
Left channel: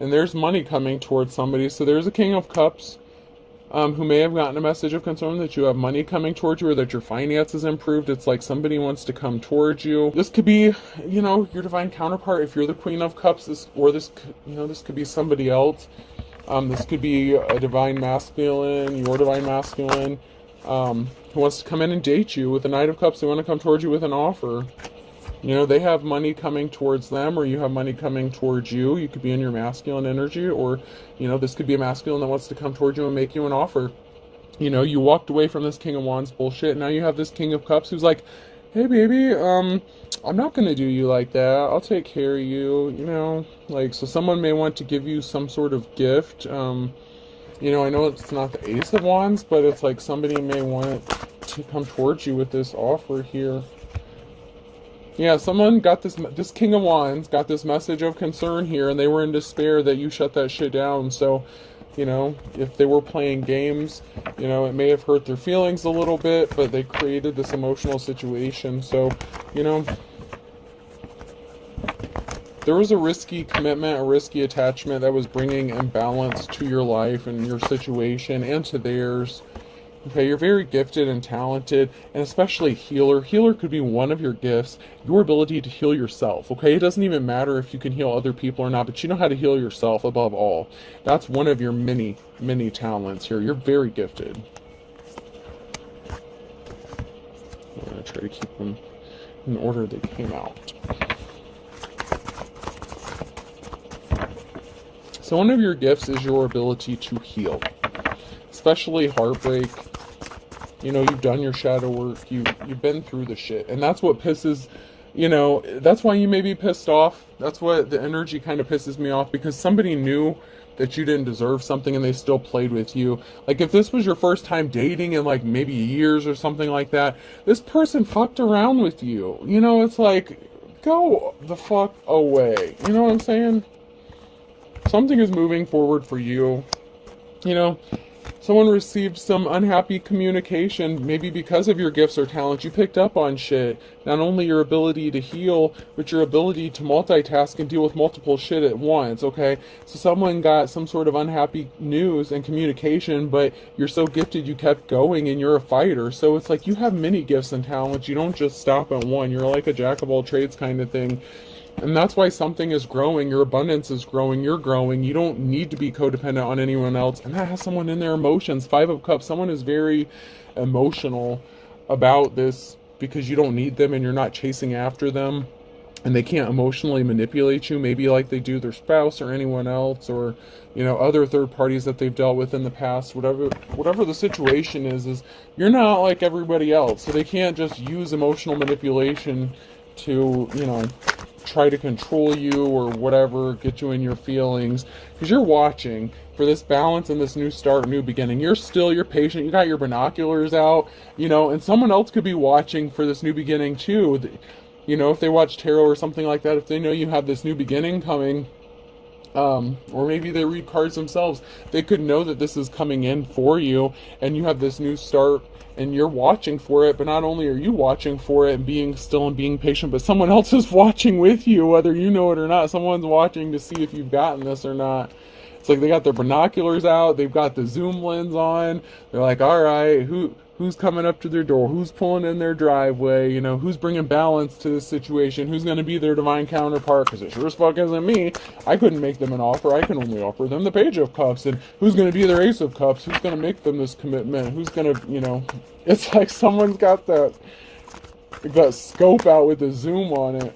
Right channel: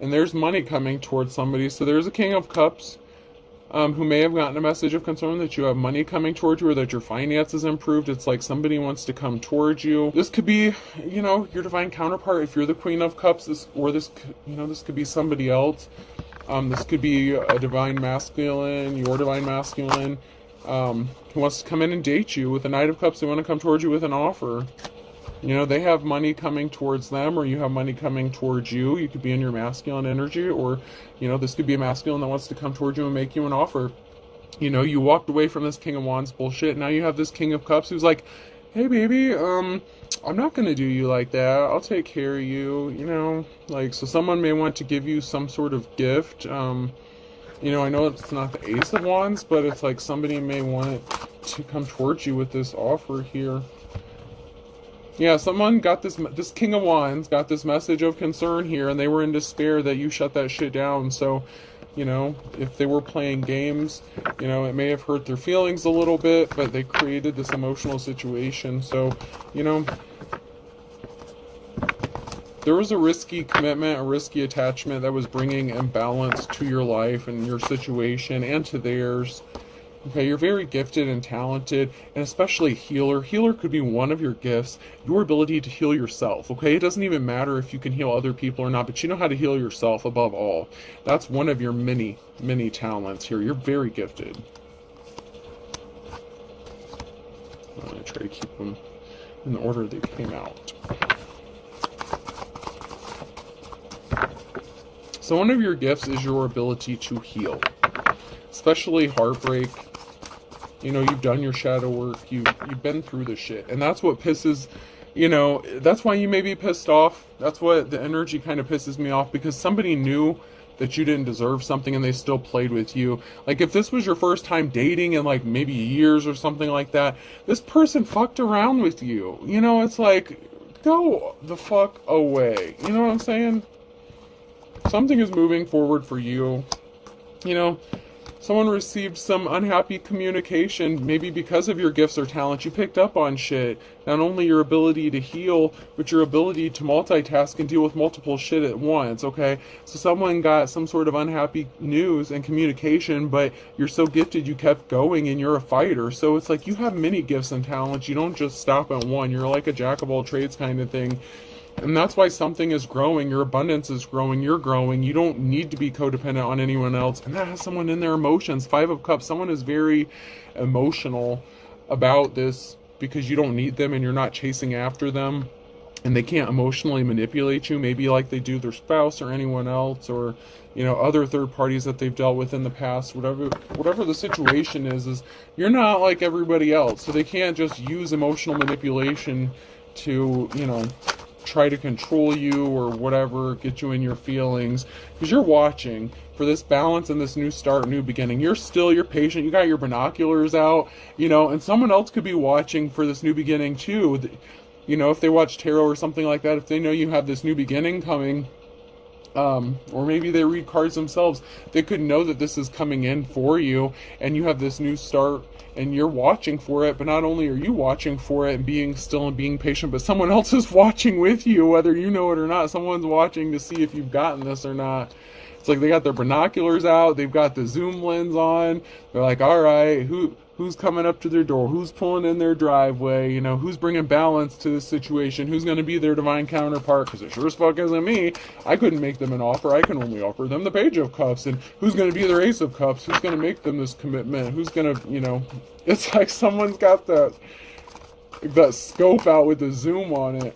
and there's money coming towards somebody. So there's a King of Cups who may have gotten a message of concern that you have money coming towards you or that your finances improved. It's like somebody wants to come towards you. This could be, your divine counterpart if you're the Queen of Cups, this could be somebody else. This could be a divine masculine, your divine masculine, who wants to come in and date you. With the Knight of Cups, they want to come towards you with an offer. They have money coming towards them, or you have money coming towards you. You could be in your masculine energy, or, this could be a masculine that wants to come towards you and make you an offer. You walked away from this King of Wands bullshit. Now you have this King of Cups who's like, hey, baby, I'm not going to do you like that. I'll take care of you, so someone may want to give you some sort of gift. I know it's not the Ace of Wands, but it's like somebody may want to come towards you with this offer here. Yeah, someone got this King of Wands got this message of concern here, and they were in despair that you shut that shit down. So, You know, if they were playing games, you know, it may have hurt their feelings a little bit, but they created this emotional situation. So, you know, there was a risky commitment, a risky attachment that was bringing imbalance to your life and your situation and to theirs. Okay, you're very gifted and talented, and especially healer. Healer could be one of your gifts, your ability to heal yourself, okay? It doesn't even matter if you can heal other people or not, but you know how to heal yourself above all. That's one of your many, many talents here. You're very gifted. I'm going to try to keep them in the order they came out. So one of your gifts is your ability to heal, especially heartbreak. You know, you've done your shadow work, you've been through the shit, and that's what pisses, you know, that's why you may be pissed off. That's what the energy kind of pisses me off, because somebody knew that you didn't deserve something and they still played with you. Like, if this was your first time dating in like maybe years or something like that, this person fucked around with you. You know, it's like, go the fuck away. You know what I'm saying? Something is moving forward for you. You know, someone received some unhappy communication, maybe because of your gifts or talents. You picked up on shit. Not only your ability to heal, but your ability to multitask and deal with multiple shit at once, okay? So someone got some sort of unhappy news and communication, but you're so gifted you kept going and you're a fighter. So it's like you have many gifts and talents. You don't just stop at one. You're like a jack of all trades kind of thing. And that's why something is growing, your abundance is growing, you're growing. You don't need to be codependent on anyone else. And that has someone in their emotions. 5 of Cups, someone is very emotional about this because you don't need them and you're not chasing after them. And they can't emotionally manipulate you, maybe like they do their spouse or anyone else, or, you know, other third parties that they've dealt with in the past. Whatever the situation is you're not like everybody else. So they can't just use emotional manipulation to, you know, try to control you or whatever, get you in your feelings, because you're watching for this balance and this new start, new beginning. You're patient, you got your binoculars out, you know, and someone else could be watching for this new beginning too. You know, if they watch tarot or something like that, if they know you have this new beginning coming, or maybe they read cards themselves, they could know that this is coming in for you and you have this new start and you're watching for it. But not only are you watching for it and being still and being patient, but someone else is watching with you, whether you know it or not. Someone's watching to see if you've gotten this or not. It's like they got their binoculars out, they've got the zoom lens on, they're like, all right, who's coming up to their door, who's pulling in their driveway, you know, who's bringing balance to the situation, who's going to be their divine counterpart, because it sure as fuck isn't me. I couldn't make them an offer, I can only offer them the Page of Cups. And who's going to be their Ace of Cups, who's going to make them this commitment, who's going to, you know, it's like someone's got that scope out with the zoom on it.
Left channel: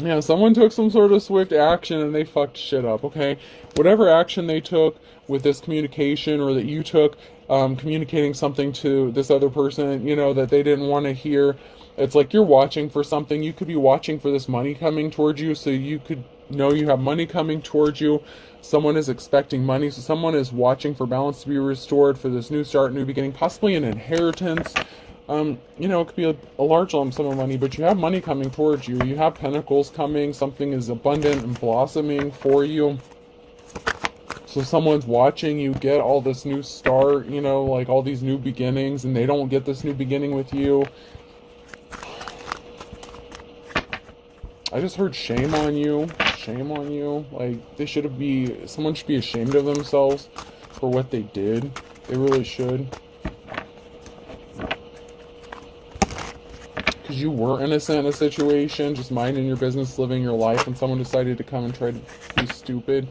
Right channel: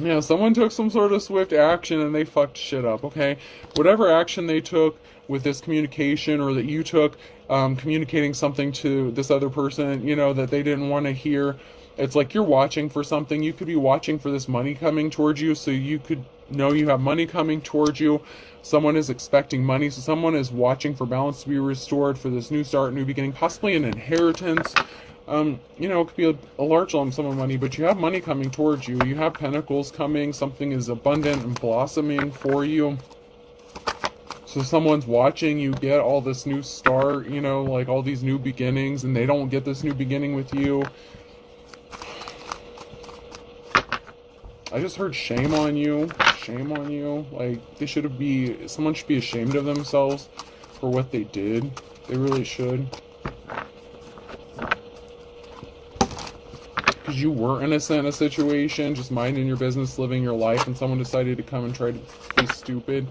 Yeah, someone took some sort of swift action and they fucked shit up, okay? Whatever action they took with this communication, or that you took, communicating something to this other person, you know, that they didn't want to hear. It's like you're watching for something. You could be watching for this money coming towards you, so you could know you have money coming towards you. Someone is expecting money, so someone is watching for balance to be restored, for this new start, new beginning, possibly an inheritance. You know, it could be a large lump sum of money, but you have money coming towards you. You have pentacles coming. Something is abundant and blossoming for you. So someone's watching you get all this new start, you know, like all these new beginnings, and they don't get this new beginning with you. I just heard shame on you. Shame on you. Like, someone should be ashamed of themselves for what they did. They really should. Because you were innocent in a situation, just minding your business, living your life, and someone decided to come and try to be stupid.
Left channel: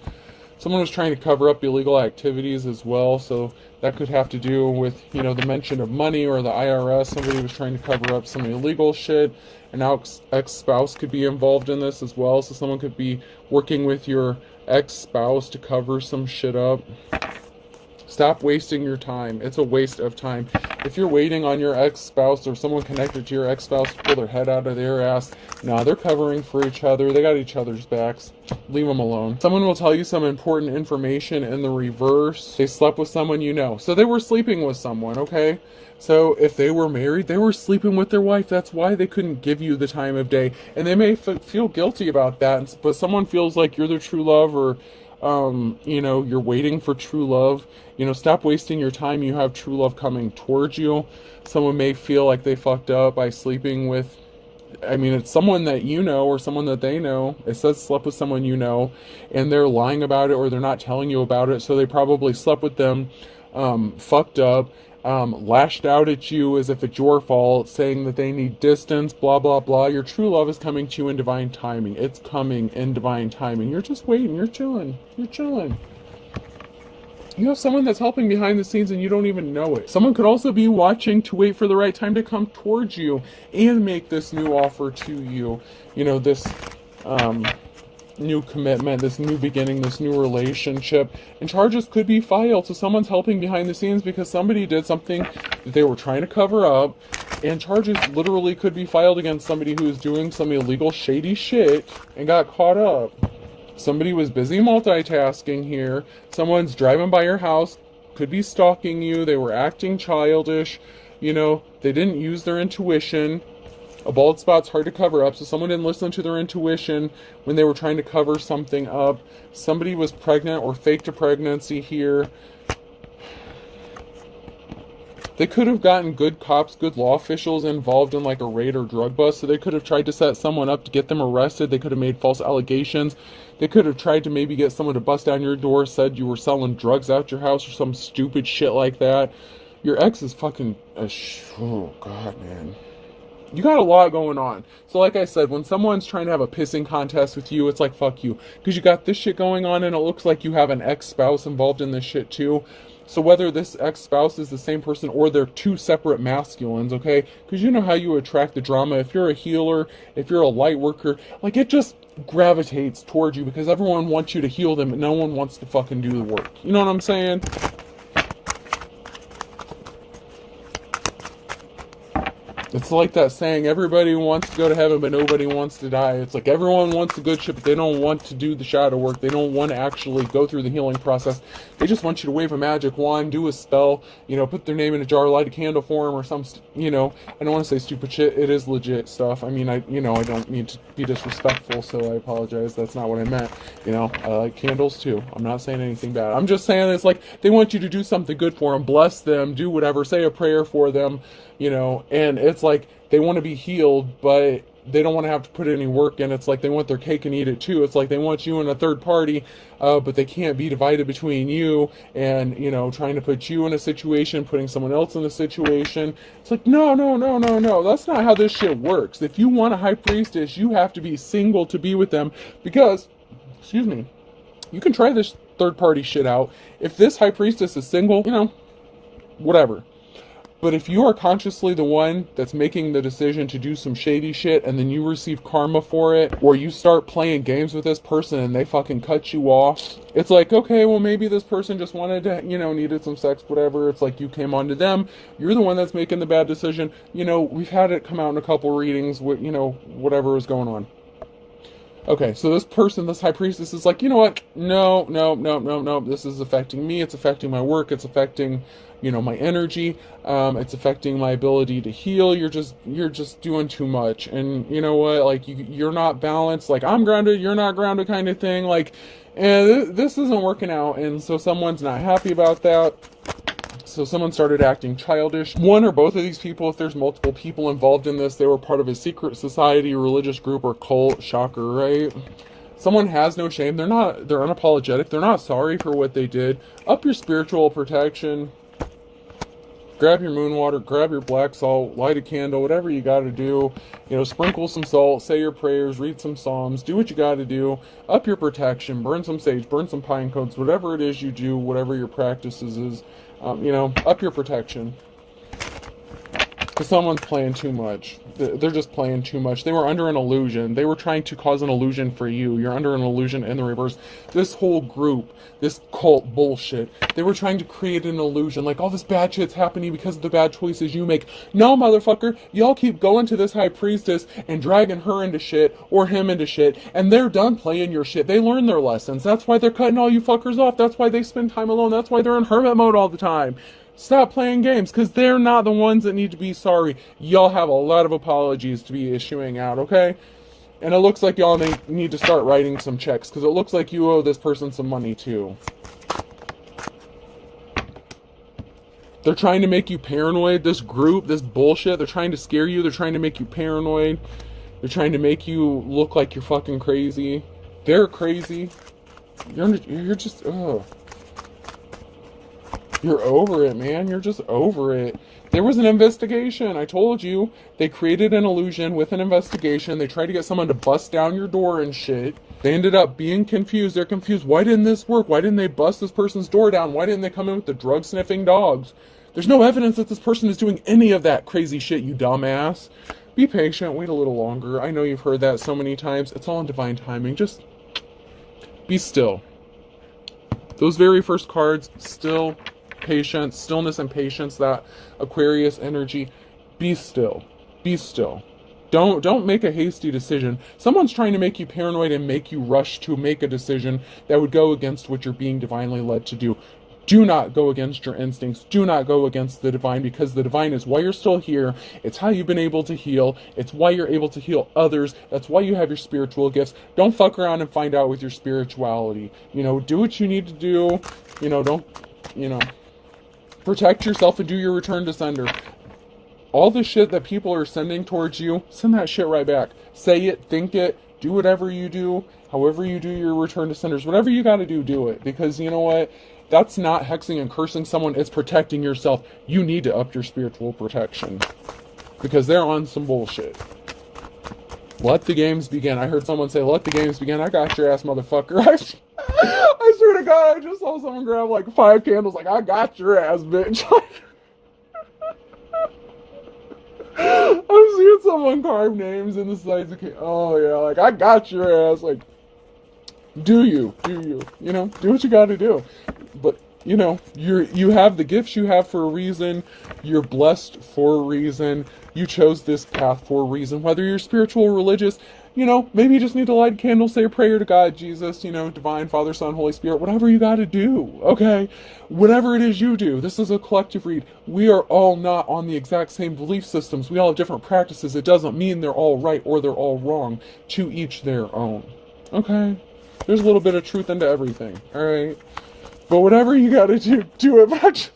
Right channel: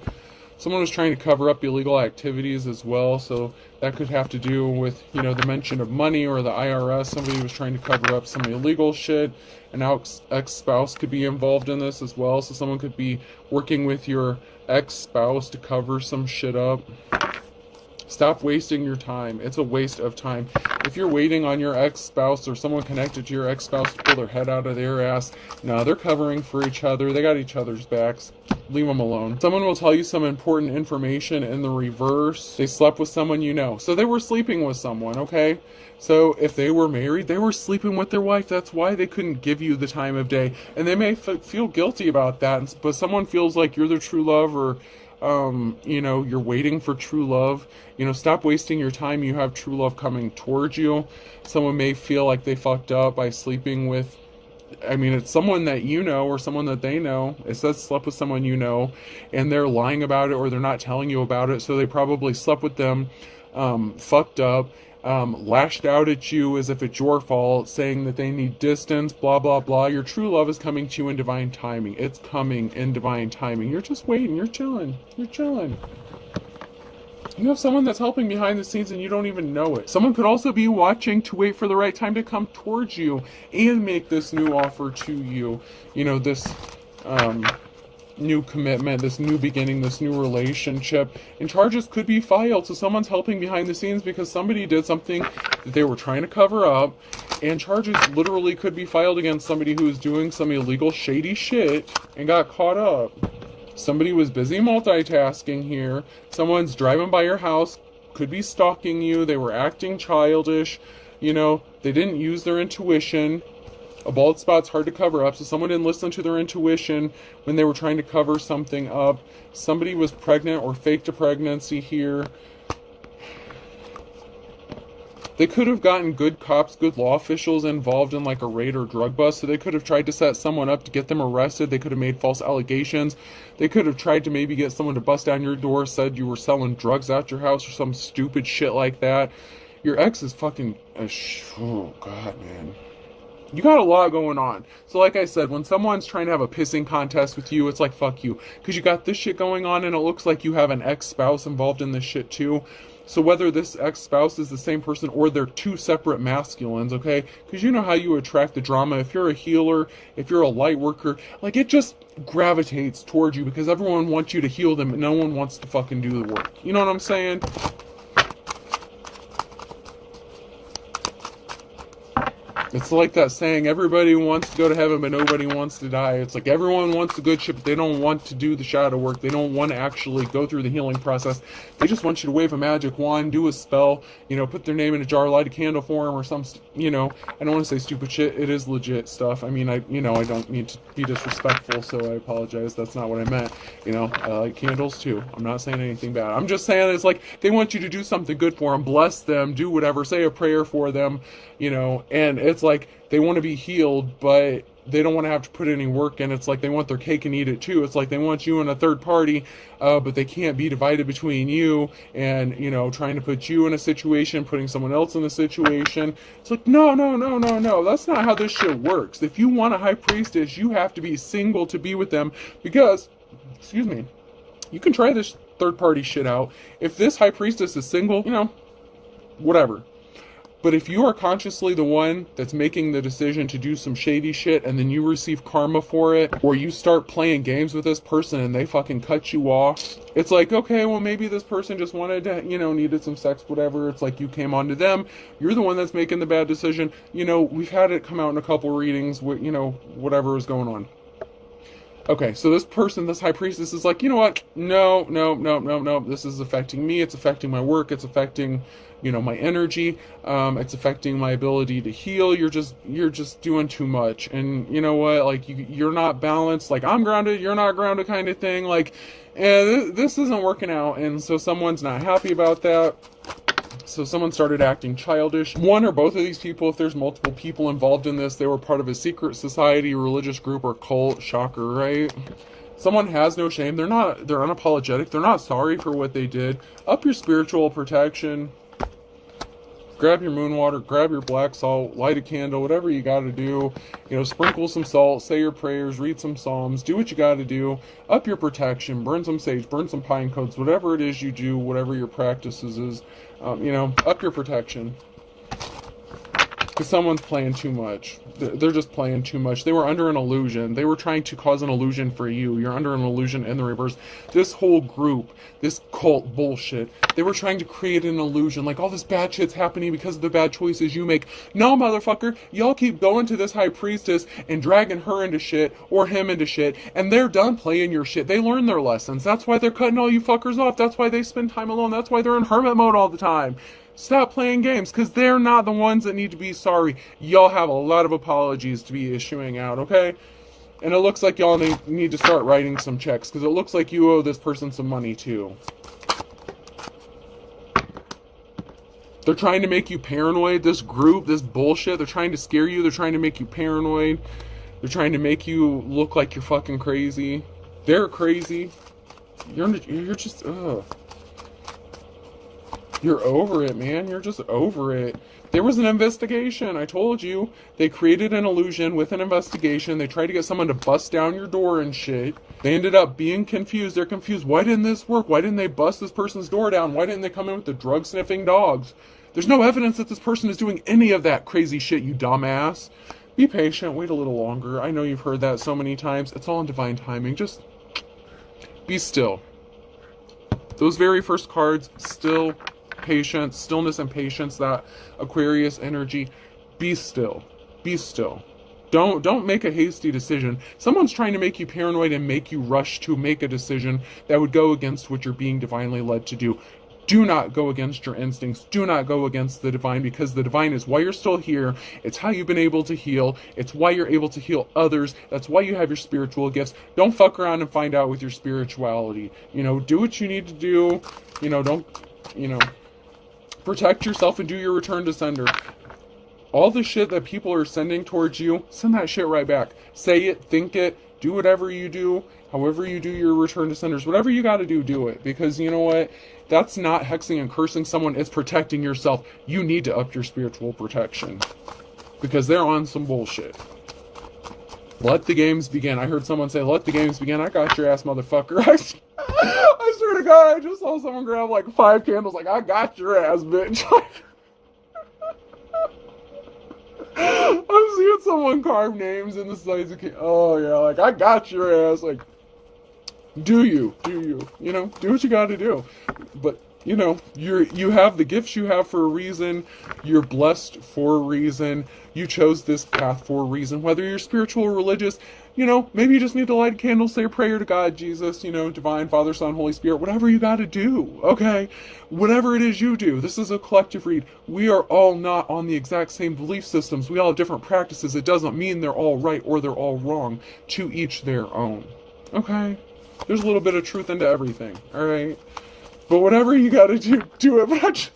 Someone was trying to cover up illegal activities as well, so that could have to do with, you know, the mention of money or the IRS. Somebody was trying to cover up some illegal shit, and now ex-spouse could be involved in this as well, so someone could be working with your ex-spouse to cover some shit up. Stop wasting your time. It's a waste of time. If you're waiting on your ex-spouse or someone connected to your ex-spouse to pull their head out of their ass, nah, they're covering for each other. They got each other's backs. Leave them alone. Someone will tell you some important information in the reverse. They slept with someone you know. So they were sleeping with someone, okay? So if they were married, they were sleeping with their wife. That's why they couldn't give you the time of day. And they may feel guilty about that, but someone feels like you're their true love, or You know, you're waiting for true love. You know, stop wasting your time. You have true love coming towards you. Someone may feel like they fucked up by sleeping with, I mean, it's someone that you know or someone that they know. It says slept with someone you know, and they're lying about it or they're not telling you about it. So they probably slept with them, fucked up, lashed out at you as if it's your fault, saying that they need distance, blah, blah, blah. Your true love is coming to you in divine timing. It's coming in divine timing. You're just waiting. You're chilling. You're chilling. You have someone that's helping behind the scenes and you don't even know it. Someone could also be watching to wait for the right time to come towards you and make this new offer to you. You know, this new commitment, this new beginning, this new relationship. And charges could be filed. So someone's helping behind the scenes because somebody did something that they were trying to cover up. And charges literally could be filed against somebody who's doing some illegal, shady shit and got caught up. Somebody was busy multitasking here. Someone's driving by your house, could be stalking you. They were acting childish. You know, they didn't use their intuition. A bald spot's hard to cover up, so someone didn't listen to their intuition when they were trying to cover something up. Somebody was pregnant or faked a pregnancy here. They could have gotten good cops, good law officials involved in like a raid or drug bust. So they could have tried to set someone up to get them arrested. They could have made false allegations. They could have tried to maybe get someone to bust down your door, said you were selling drugs out your house or some stupid shit like that. Your ex is fucking, oh God, man. You got a lot going on. So like I said, when someone's trying to have a pissing contest with you, it's like, fuck you. Because you got this shit going on and it looks like you have an ex-spouse involved in this shit too. So whether this ex-spouse is the same person or they're two separate masculines, okay? Because you know how you attract the drama. If you're a healer, if you're a light worker, like it just gravitates towards you because everyone wants you to heal them and no one wants to fucking do the work. You know what I'm saying? It's like that saying, everybody wants to go to heaven, but nobody wants to die. It's like everyone wants the good shit, but they don't want to do the shadow work. They don't want to actually go through the healing process. They just want you to wave a magic wand, do a spell, you know, put their name in a jar, light a candle for them or some, you know, I don't want to say stupid shit. It is legit stuff. I mean, I don't mean to be disrespectful, so I apologize. That's not what I meant. You know, I like candles too. I'm not saying anything bad. I'm just saying it's like they want you to do something good for them, bless them, do whatever, say a prayer for them, you know, and it's like they want to be healed, but they don't want to have to put any work in. It's like they want their cake and eat it too. It's like they want you in a third party, but they can't be divided between you and, you know, trying to put you in a situation, putting someone else in a situation. It's like, no. That's not how this shit works. If you want a high priestess, you have to be single to be with them because, excuse me, you can try this third party shit out. If this high priestess is single, you know, whatever. But if you are consciously the one that's making the decision to do some shady shit and then you receive karma for it, or you start playing games with this person and they fucking cut you off, it's like, okay, well maybe this person just wanted to, you know, needed some sex, whatever. It's like you came on to them. You're the one that's making the bad decision. You know, we've had it come out in a couple readings with, you know, whatever is going on. Okay, so this person, this high priestess is like, you know what? No. This is affecting me. It's affecting my work. It's affecting, you know, my energy. It's affecting my ability to heal. You're just doing too much. And you know what? Like you're not balanced. Like I'm grounded, you're not grounded kind of thing. Like, this isn't working out. And so someone's not happy about that. So someone started acting childish. One or both of these people, if there's multiple people involved in this, they were part of a secret society, religious group, or cult. Shocker, right? Someone has no shame. They're unapologetic. They're not sorry for what they did. Up your spiritual protection. Grab your moon water, grab your black salt, light a candle, whatever you got to do. You know, sprinkle some salt, say your prayers, read some psalms, do what you got to do. Up your protection, burn some sage, burn some pine cones, whatever it is you do, whatever your practices is. You know, up your protection. Because someone's playing too much. They're just playing too much. They were under an illusion. They were trying to cause an illusion for you. You're under an illusion in the reverse. This whole group, this cult bullshit, they were trying to create an illusion. Like all this bad shit's happening because of the bad choices you make. No, motherfucker. Y'all keep going to this high priestess and dragging her into shit or him into shit. And they're done playing your shit. They learned their lessons. That's why they're cutting all you fuckers off. That's why they spend time alone. That's why they're in hermit mode all the time. Stop playing games, because they're not the ones that need to be sorry. Y'all have a lot of apologies to be issuing out, okay? And it looks like y'all need to start writing some checks, because it looks like you owe this person some money too. They're trying to make you paranoid. This group, this bullshit, they're trying to scare you. They're trying to make you paranoid. They're trying to make you look like you're fucking crazy. They're crazy. You're just, ugh. You're over it, man. You're just over it. There was an investigation. I told you. They created an illusion with an investigation. They tried to get someone to bust down your door and shit. They ended up being confused. They're confused. Why didn't this work? Why didn't they bust this person's door down? Why didn't they come in with the drug-sniffing dogs? There's no evidence that this person is doing any of that crazy shit, you dumbass. Be patient. Wait a little longer. I know you've heard that so many times. It's all in divine timing. Just be still. Those very first cards, still, patience, stillness and patience, that Aquarius energy. Be still. Be still. Don't make a hasty decision. Someone's trying to make you paranoid and make you rush to make a decision that would go against what you're being divinely led to do. Do not go against your instincts. Do not go against the divine, because the divine is why you're still here. It's how you've been able to heal. It's why you're able to heal others. That's why you have your spiritual gifts. Don't fuck around and find out with your spirituality. Do what you need to do. Don't, protect yourself and do your return to sender. All the shit that people are sending towards you, send that shit right back. Say it, think it, do whatever you do, however you do your return to senders, whatever you gotta do, do it. Because you know what? That's not hexing and cursing someone, it's protecting yourself. You need to up your spiritual protection. Because they're on some bullshit. Let the games begin. I heard someone say, let the games begin. I got your ass, motherfucker. I swear to God, I just saw someone grab like 5 candles, like, I got your ass, bitch. I'm seeing someone carve names in the sides of oh yeah, like, I got your ass. Like, do you, do what you gotta do. But, you have the gifts you have for a reason. You're blessed for a reason. You chose this path for a reason. Whether you're spiritual or religious, maybe you just need to light a candle, say a prayer to God, Jesus, Divine, Father, Son, Holy Spirit, whatever you gotta do, okay? Whatever it is you do. This is a collective read. We are all not on the exact same belief systems. We all have different practices. It doesn't mean they're all right or they're all wrong. To each their own, okay? There's a little bit of truth into everything, alright? But whatever you gotta do it. But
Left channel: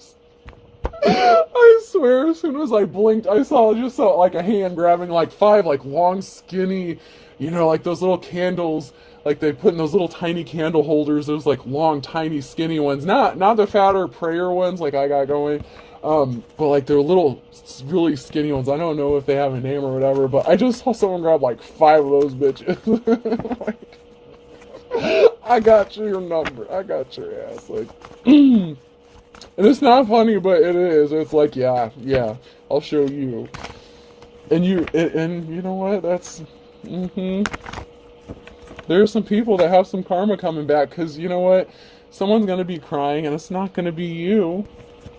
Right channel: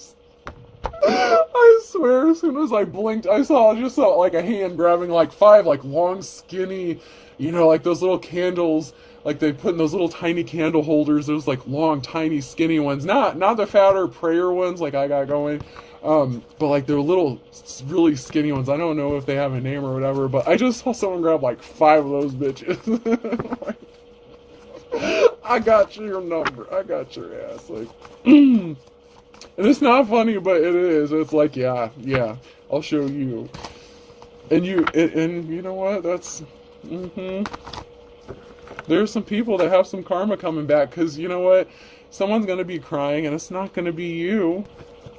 I swear, as soon as I blinked, I saw like a hand grabbing like 5 like long, skinny, like those little candles, like they put in those little tiny candle holders, those like long, tiny, skinny ones, not the fatter prayer ones like I got going, but like they're little, really skinny ones. I don't know if they have a name or whatever, but I just saw someone grab like 5 of those bitches. I got your number. I got your ass. Like, and it's not funny, but it is. It's like, yeah, I'll show you. And you know what? That's, There's some people that have some karma coming back, because you know what? Someone's going to be crying, and it's not going to be you.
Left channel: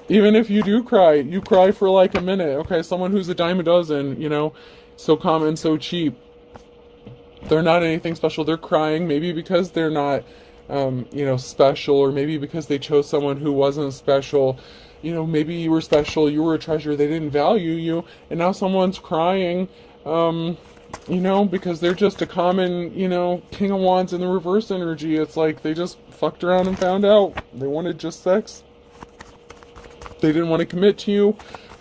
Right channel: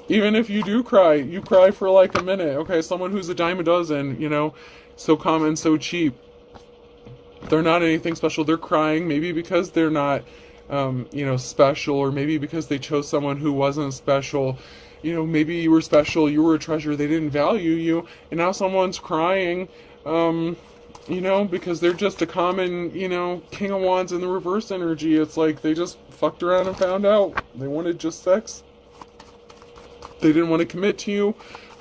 Even if you do cry, you cry for like a minute. Okay, someone who's a dime a dozen, so common, so cheap. They're not anything special. They're crying, maybe because they're not, special, or maybe because they chose someone who wasn't special. Maybe you were special, you were a treasure, they didn't value you, and now someone's crying, because they're just a common, King of Wands in the reverse energy. It's like they just fucked around and found out they wanted just sex. They didn't want to commit to you.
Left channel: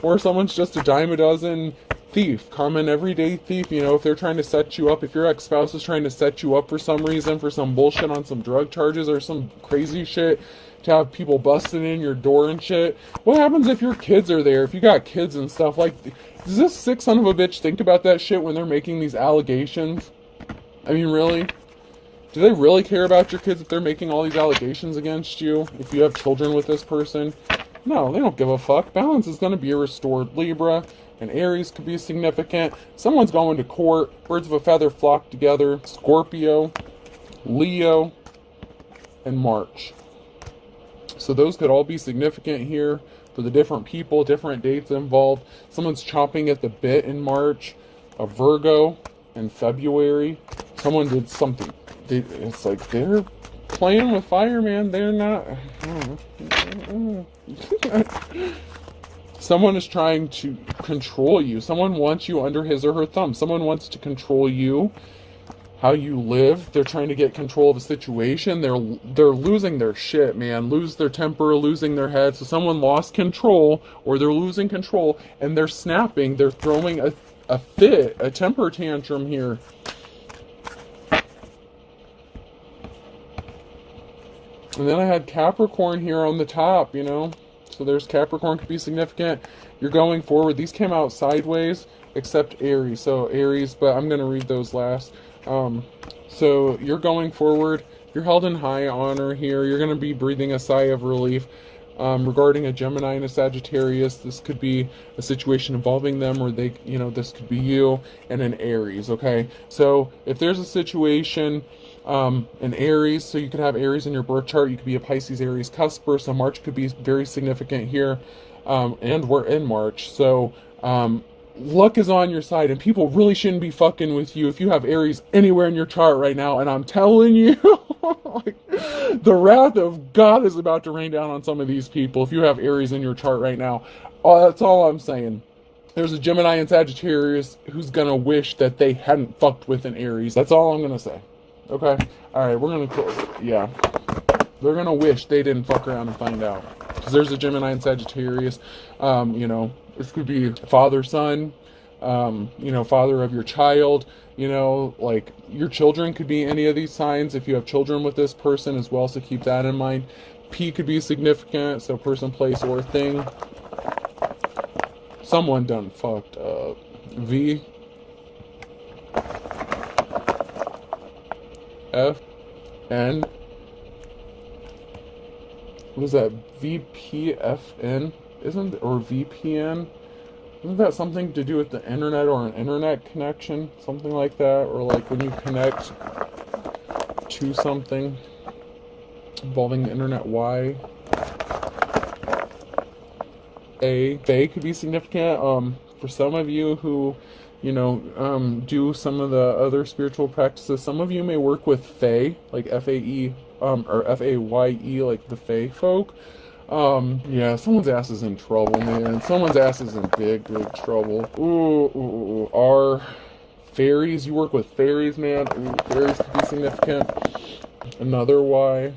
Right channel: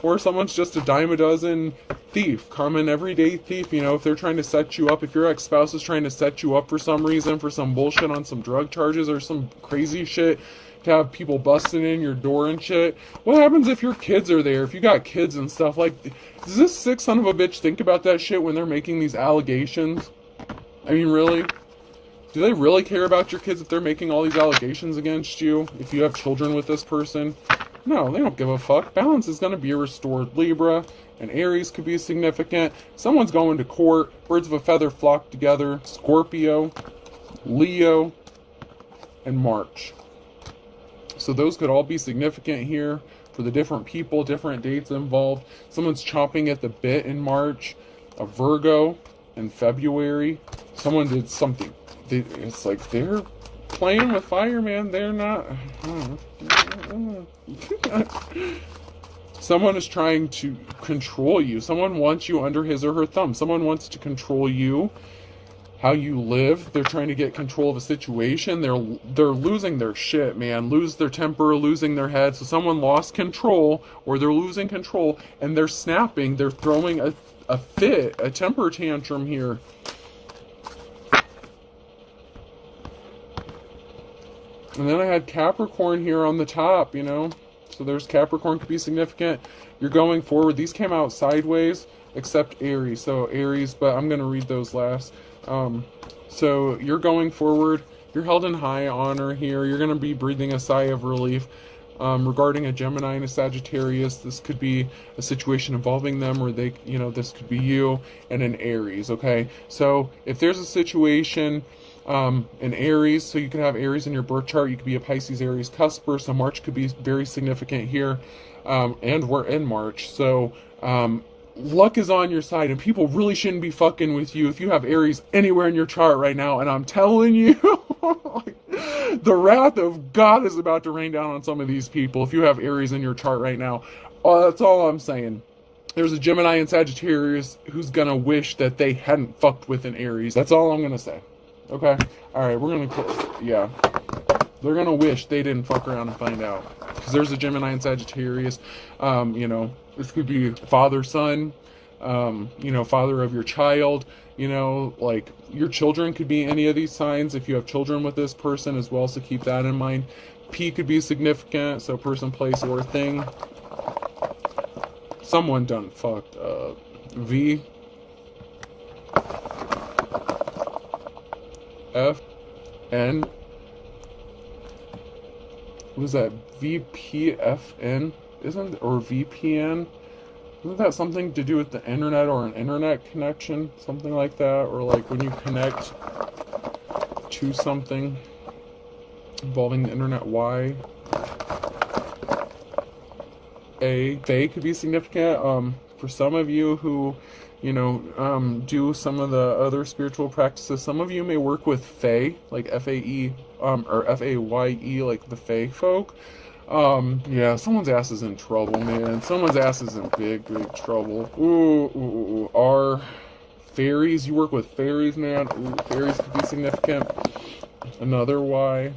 Or someone's just a dime a dozen thief, common everyday thief. If they're trying to set you up, if your ex-spouse is trying to set you up for some reason, for some bullshit on some drug charges or some crazy shit, to have people busting in your door and shit. What happens if your kids are there? If you got kids and stuff, like, does this sick son of a bitch think about that shit when they're making these allegations? I mean, really? Do they really care about your kids if they're making all these allegations against you? If you have children with this person? No, they don't give a fuck. Balance is going to be restored. Libra and Aries could be significant. Someone's going to court. Birds of a feather flock together. Scorpio, Leo, and March. So those could all be significant here for the different people, different dates involved. Someone's chomping at the bit in March. A Virgo in February. Someone did something. It's like they're playing with fire, man. They're not... Someone is trying to control you. Someone wants you under his or her thumb. Someone wants to control you. how you live. They're trying to get control of a situation. They're losing their shit, man. Lose their temper, losing their head. So someone lost control, or they're losing control, and they're snapping. They're throwing a fit, a temper tantrum here. And then I had Capricorn here on the top, you know. So there's Capricorn, could be significant. You're going forward. These came out sideways, except Aries. So Aries, but I'm going to read those last. So you're going forward. You're held in high honor here. You're going to be breathing a sigh of relief. Regarding a Gemini and a Sagittarius, this could be a situation involving them, or they, you know, this could be you and an Aries. Okay, so if there's a situation, an Aries, so you could have Aries in your birth chart. You could be a Pisces, Aries cusper. So March could be very significant here, and we're in March. So luck is on your side, and people really shouldn't be fucking with you if you have Aries anywhere in your chart right now. And I'm telling you, the wrath of God is about to rain down on some of these people if you have Aries in your chart right now. Oh, that's all I'm saying. There's a Gemini and Sagittarius who's gonna wish that they hadn't fucked with an Aries. That's all I'm gonna say. Okay? Alright, we're gonna close. Yeah. They're gonna wish they didn't fuck around and find out. Because there's a Gemini and Sagittarius. You know, this could be father, son, you know, father of your child, you know, like your children could be any of these signs if you have children with this person as well, so keep that in mind. P could be significant, so person, place, or thing. Someone done fucked up. V, F, N. What is that? VPFN? Isn't, or VPN? Isn't that something to do with the internet or an internet connection? Something like that? Or like when you connect to something involving the internet. Y. A. Fae could be significant. For some of you who, you know, do some of the other spiritual practices, some of you may work with Fae, like F-A-E, or F-A-Y-E, like the Fae folk. Yeah, someone's ass is in trouble, man. Someone's ass is in big, big trouble. Ooh. R. Fairies, you work with fairies, man. Ooh, fairies could be significant. Another Y.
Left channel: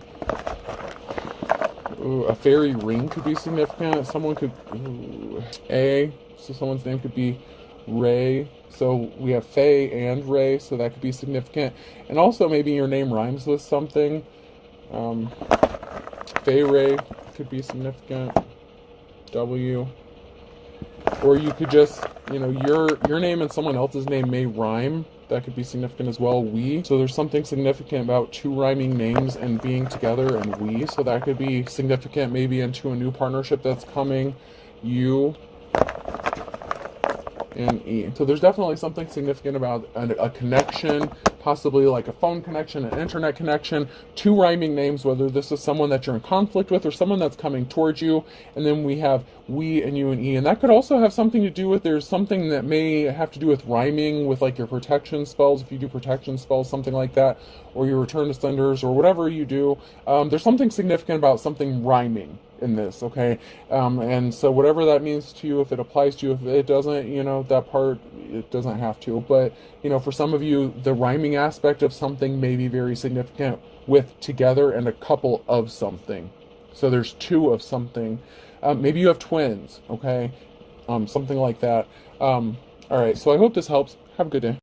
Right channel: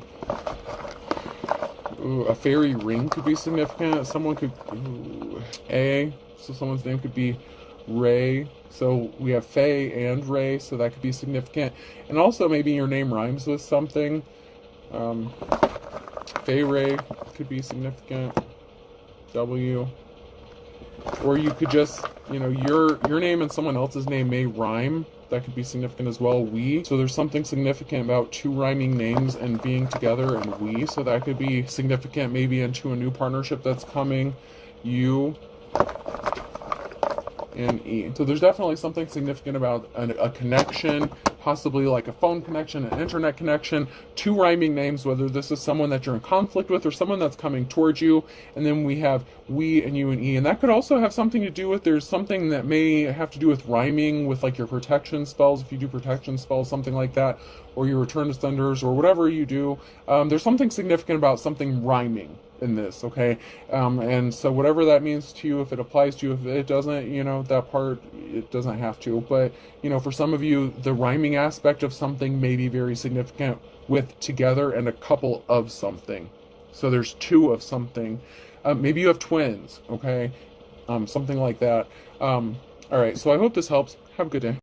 Ooh, a fairy ring could be significant. Someone could, ooh. A, so someone's name could be Ray. So we have Faye and Ray, so that could be significant. And also maybe your name rhymes with something. Faye Ray could be significant. W. Or you could just, you know, your name and someone else's name may rhyme. That could be significant as well. We. So there's something significant about two rhyming names and being together, and we. So that could be significant maybe into a new partnership that's coming. You. And E. So there's definitely something significant about a connection, possibly like a phone connection, an internet connection, two rhyming names, whether this is someone that you're in conflict with or someone that's coming towards you. And then we have we and you and E. And that could also have something to do with, there's something that may have to do with rhyming with like your protection spells, if you do protection spells, something like that, or your return to senders, or whatever you do. There's something significant about something rhyming in this, okay? And so whatever that means to you, if it applies to you, if it doesn't, you know, that part, it doesn't have to. But, you know, for some of you, the rhyming aspect of something may be very significant with together and a couple of something. So there's two of something. Maybe you have twins, okay? Something like that. All right, so I hope this helps. Have a good day.